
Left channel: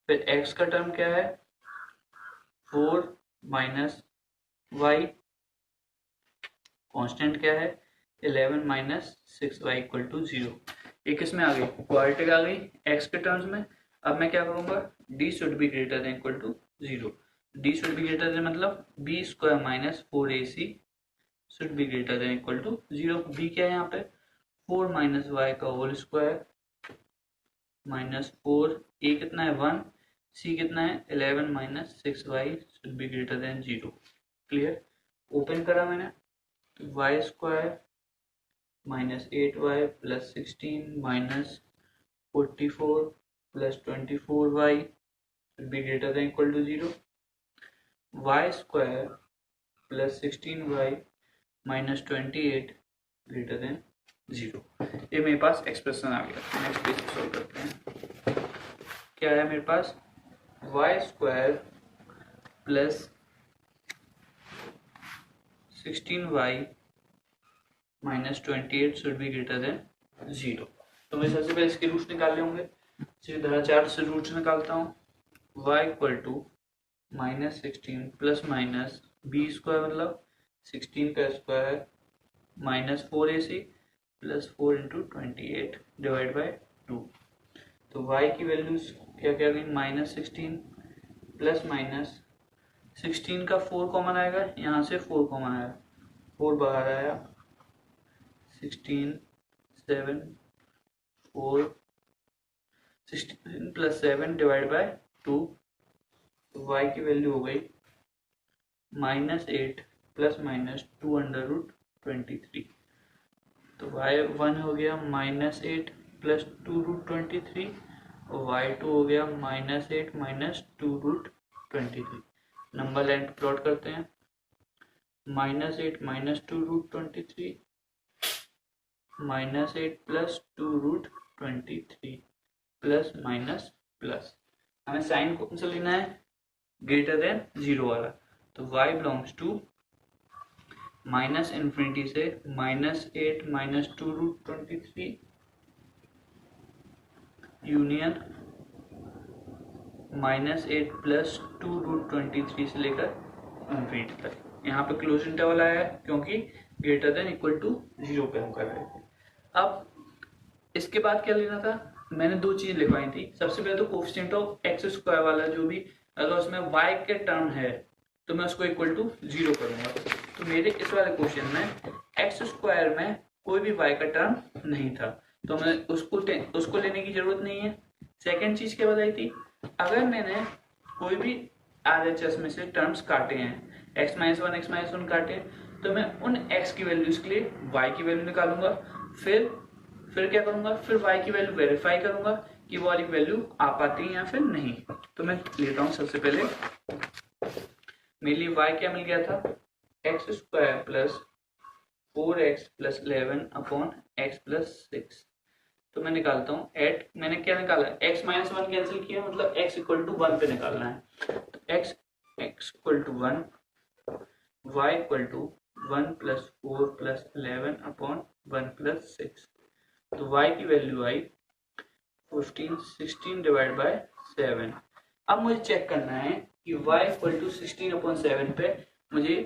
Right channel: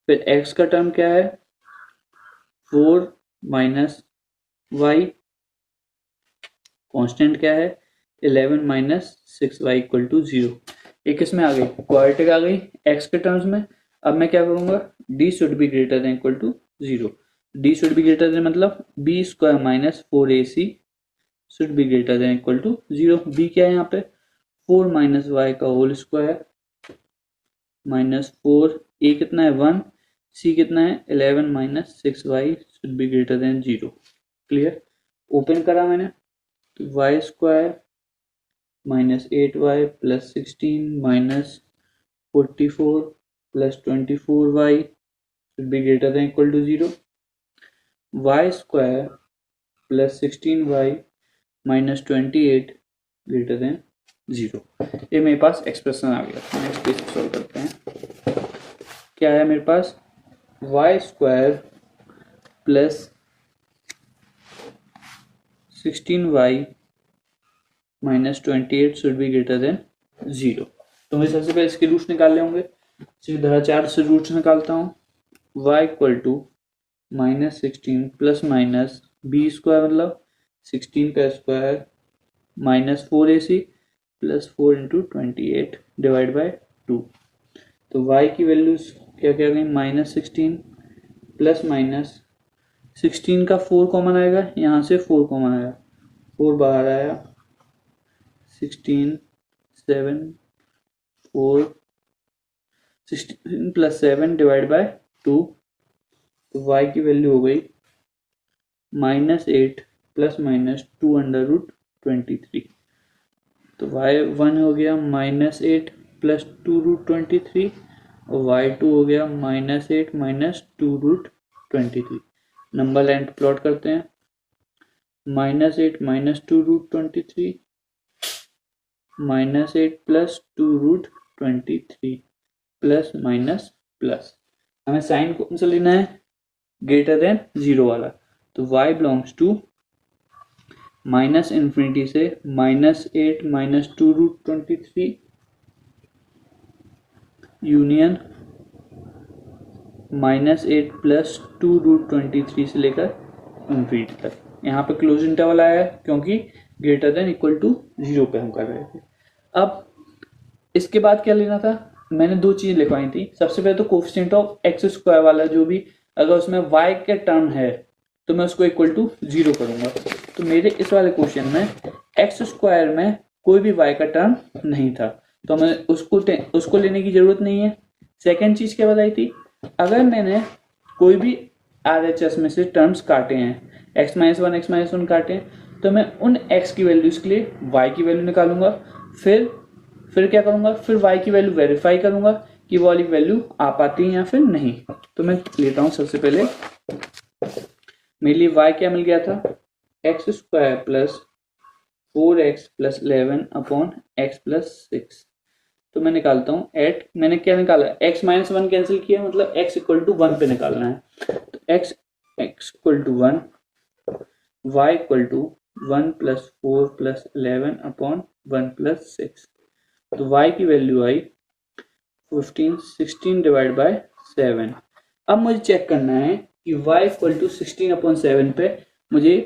फिर x का टर्म क्या है 4 माइनस वाई, कॉन्स्टेंट क्या है 11 माइनस 6y इक्वल टू 0। एक इसमें आ गई क्वाड्रेटिक आ गई x के टर्म्स में। अब मैं क्या करूंगा, d should be greater than equal to 0, d should be greater than मतलब b square minus 4ac should be greater than equal to 0। b क्या है यहाँ पे 4 माइनस वाई का होल स्क्वायर माइनस 4, a कितना है 1, c कितना है 11 minus 6y should be greater than 0। Clear, open करा मैंने, तो y square minus 8y plus 16 minus 44 plus 24y should be greater than equal to 0। y square plus 16y minus 28 greater than 0। ये मेरे पास expression आ गया, इसको solve करते हैं। क्या है मेरे पास y square plus 16y minus 28 should be greater than 0। तो मैं सबसे पहले इसके रूट्स निकाल लेंगे, सीधा 4 से रूट्स निकालता हूँ। y equal to minus 16 plus minus b square मतलब 16 का square minus 4ac plus 4 into 28 divide by 2। तो y की वैल्यू क्या क्या गई माइनस 16 प्लस माइनस 16 का 4 कॉमन आएगा, यहाँ से 4 कॉमन आया, 4 बाहर आया, 16 7 4 16 प्लस 7 डिवाइड बाय 2। तो y की वैल्यू हो गई minus 8 plus minus 2 under root 23। तो y1 हो गया माइनस 8 प्लस 2 रूट 23 और y2 हो गया minus 8 minus 2 root 23। Number line plot करते हैं, minus 8 minus 2 root 23 -8 plus 2√23 plus minus plus. हमें साइन कौन सा लेना है, ग्रेटर देन 0 वाला। तो y belongs to minus infinity से -8 माइनस 2√23 यूनियन -8 प्लस 2√23 से लेकर इन्फिनिटी तक। यहाँ पे क्लोज इंटरवल आया है क्योंकि ग्रेटर देन इक्वल टू 0 पे हम कर रहे थे। अब इसके बाद क्या लेना था, मैंने दो चीजें लिखवाई थी। सबसे पहले तो कोफिशिएंट ऑफ एक्स स्क्वायर वाला जो भी अगर उसमें y के टर्म है तो मैं उसको इक्वल टू 0 करूंगा। तो मेरे इस वाले क्वेश्चन में एक्स स्क्वायर में कोई भी y का टर्म नहीं था, तो हमें उसको लेने की जरूरत नहीं है। सेकेंड चीज क्या बताई थी, अगर मैंने कोई भी RHS में से टर्म्स काटे हैं, x-1 x-1 काटे हैं, तो मैं उन x की वैल्यूज के लिए y की वैल्यू निकालूंगा। फिर क्या करूंगा, फिर y की वैल्यू वेरीफाई करूंगा कि वो वाली वैल्यू आ पाती है या फिर नहीं। तो मैं लेता हूं सबसे पहले, मेरे लिए y क्या मिल गया था, x² plus 4x plus 11 upon x plus 6। तो मैं निकालता हूँ एट, मैंने क्या निकाला, x-1 कैंसिल किया, मतलब x इक्वल टू 1 पे निकालना है। तो x equal to 1, y equal to 1 plus 4 plus 11 upon 1 plus 6। तो y की वैल्यू आई 16 डिवाइड बाय 7। अब मुझे चेक करना है कि y इक्वल टू 16/7 पे मुझे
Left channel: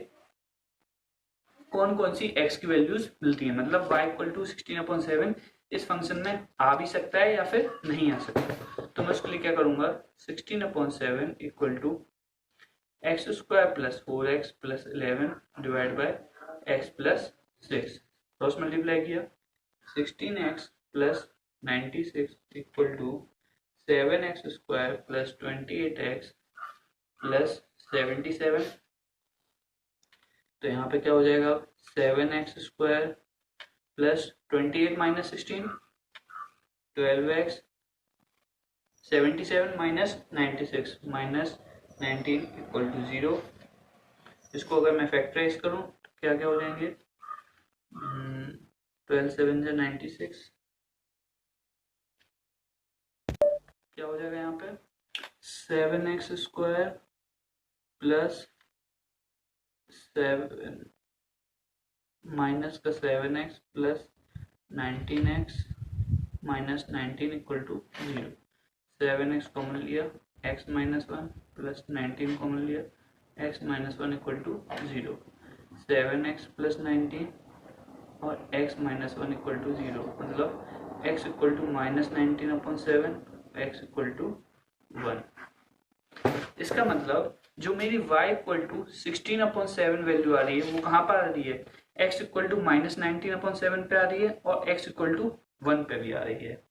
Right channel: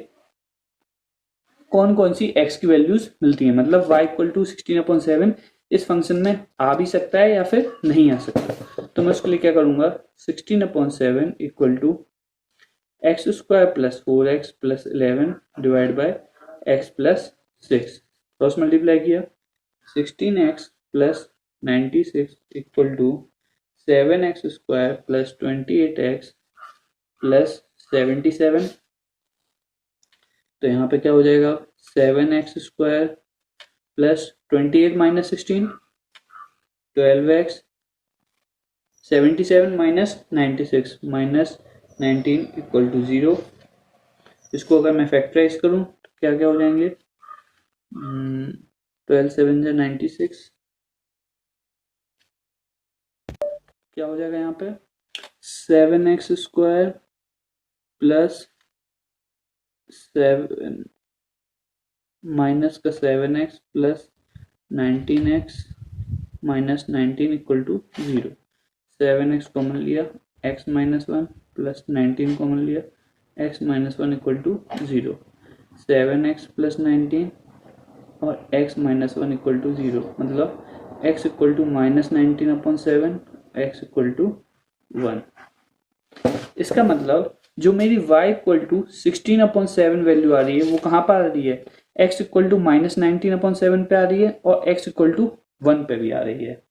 कौन कौन सी x की वैल्यूज मिलती है, मतलब y इक्वल टू 16/7 इस फंक्शन में आ भी सकता है या फिर नहीं आ सकता। तो मैं उसके लिए क्या करूंगा, 16/7 equal to x² plus 4x plus 11 divide by x plus 6। Cross multiply किया, 16x plus 96 equal to 7x² plus 28x plus 77। तो यहाँ पे क्या हो जाएगा, 7x² plus 28 minus 16 12x 77 minus 96 minus 19 equal to 0। इसको अगर मैं फैक्टराइज करूं तो क्या क्या हो जाएंगे, 12 7 जा 96, क्या हो जाएगा यहाँ पे 7x² प्लस 7 माइनस का 7x plus 19x minus 19 equal to 0। 7x common लिया, x माइनस 1 प्लस 19 कॉमन लिया, x minus 1 equal to 0। 7x plus 19 और x माइनस 1 इक्वल टू 0, मतलब x equal to minus 19/7, x equal to 1। इसका मतलब जो मेरी y equal टू 16/7 value आ रही है वो कहाँ पर आ रही है, x इक्वल टू माइनस 19/7 पे आ रही है और x इक्वल टू 1 पे भी आ रही है।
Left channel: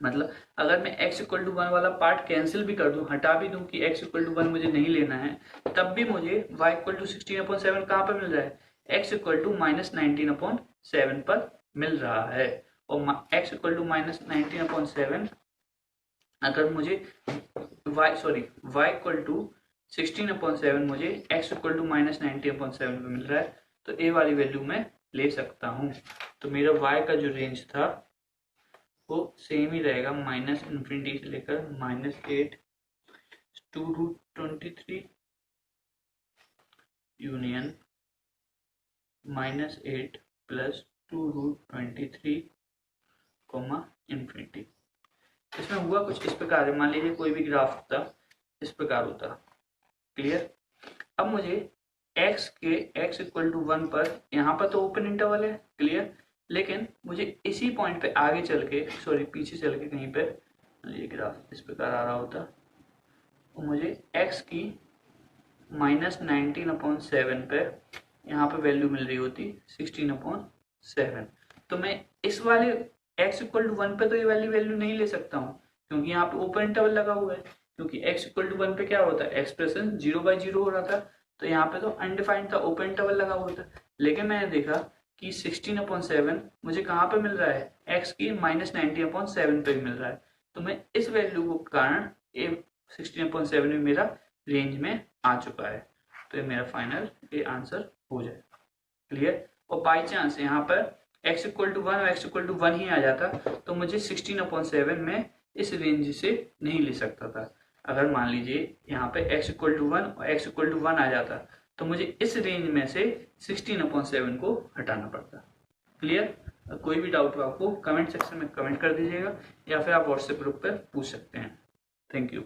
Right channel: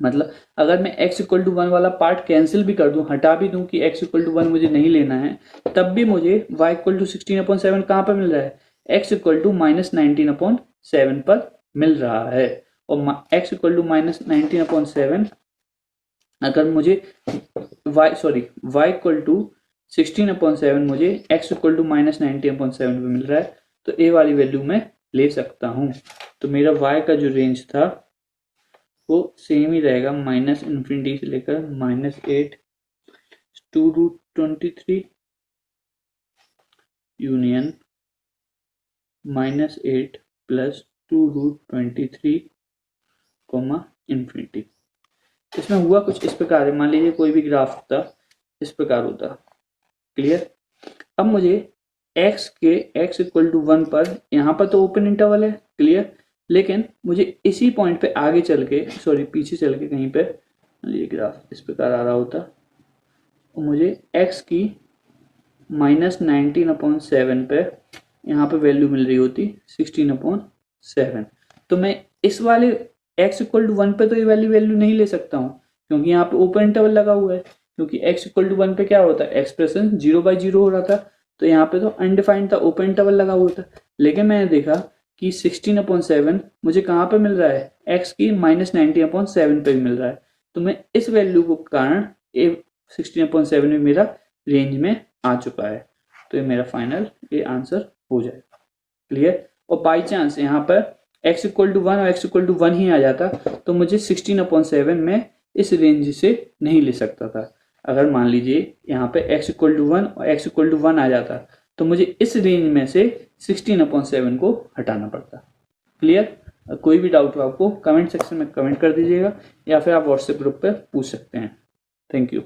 मतलब अगर मैं x इक्वल टू 1 वाला पार्ट कैंसिल भी कर दूं, हटा भी दूं कि x इक्वल टू 1 मुझे नहीं लेना है, तब भी मुझे y इक्वल टू 16/7 कहाँ पर मिल रहा है, x इक्वल टू माइनस 19/7 पर मिल रहा है। और x इक्वल टू माइनस 19/7 अगर मुझे y इक्वल टू 16/7 मुझे x इक्वल टू माइनस 19/7 पे मिल रहा है, तो a वाली वैल्यू मैं ले सकता हूं। तो मेरा y का जो रेंज था वो सेम ही रहेगा, माइनस इन्फिनिटी से लेकर -8 2√23 यूनियन -8 प्लस 2√23 इन्फिनिटी। इसमें हुआ कुछ इस प्रकार है, मान लीजिए कोई भी ग्राफ होता इस प्रकार होता, क्लियर। अब मुझे x इक्वल टू 1 पर, यहाँ पर तो ओपन इंटरवल है, क्लियर, लेकिन मुझे इसी पॉइंट पे आगे चल के, पीछे चल के कहीं पे ये ग्राफ इस प्रकार आ रहा होता, मुझे x की माइनस 19/7 पे यहाँ पे वैल्यू मिल रही होती 16/7। तो मैं इस वाले x इक्वल टू 1 पे तो ये वैल्यू नहीं ले सकता हूँ, क्योंकि यहाँ पे ओपन इंटरवल लगा हुआ है। क्योंकि x इक्वल टू 1 पे क्या होता है, एक्सप्रेशन 0/0 हो रहा था, तो यहाँ पे तो अनडिफाइंड था, ओपन इंटरवल लगा हुआ था। लेकिन मैंने देखा कि 16/7 मुझे कहाँ पे मिल रहा है, x की माइनस 19/7 पे मिल रहा है। तो मैं इस वैल्यू के कारण 16/7 में मेरा रेंज में आ चुका है। तो ये मेरा फाइनल ये आंसर हो जाएगा, क्लियर। और बाई चांस यहाँ पर x=1 और x=1 ही आ जाता तो मुझे 16/7 में इस रेंज से नहीं ले सकता था। अगर मान लीजिए यहाँ पे x=1 और x=1 आ जाता तो मुझे इस रेंज में से 16/7 को हटाना पड़ता। क्लियर? कोई भी डाउट हो आपको कमेंट सेक्शन में कमेंट कर दीजिएगा या फिर आप व्हाट्सएप ग्रुप पे पूछ सकते हैं। Thank you.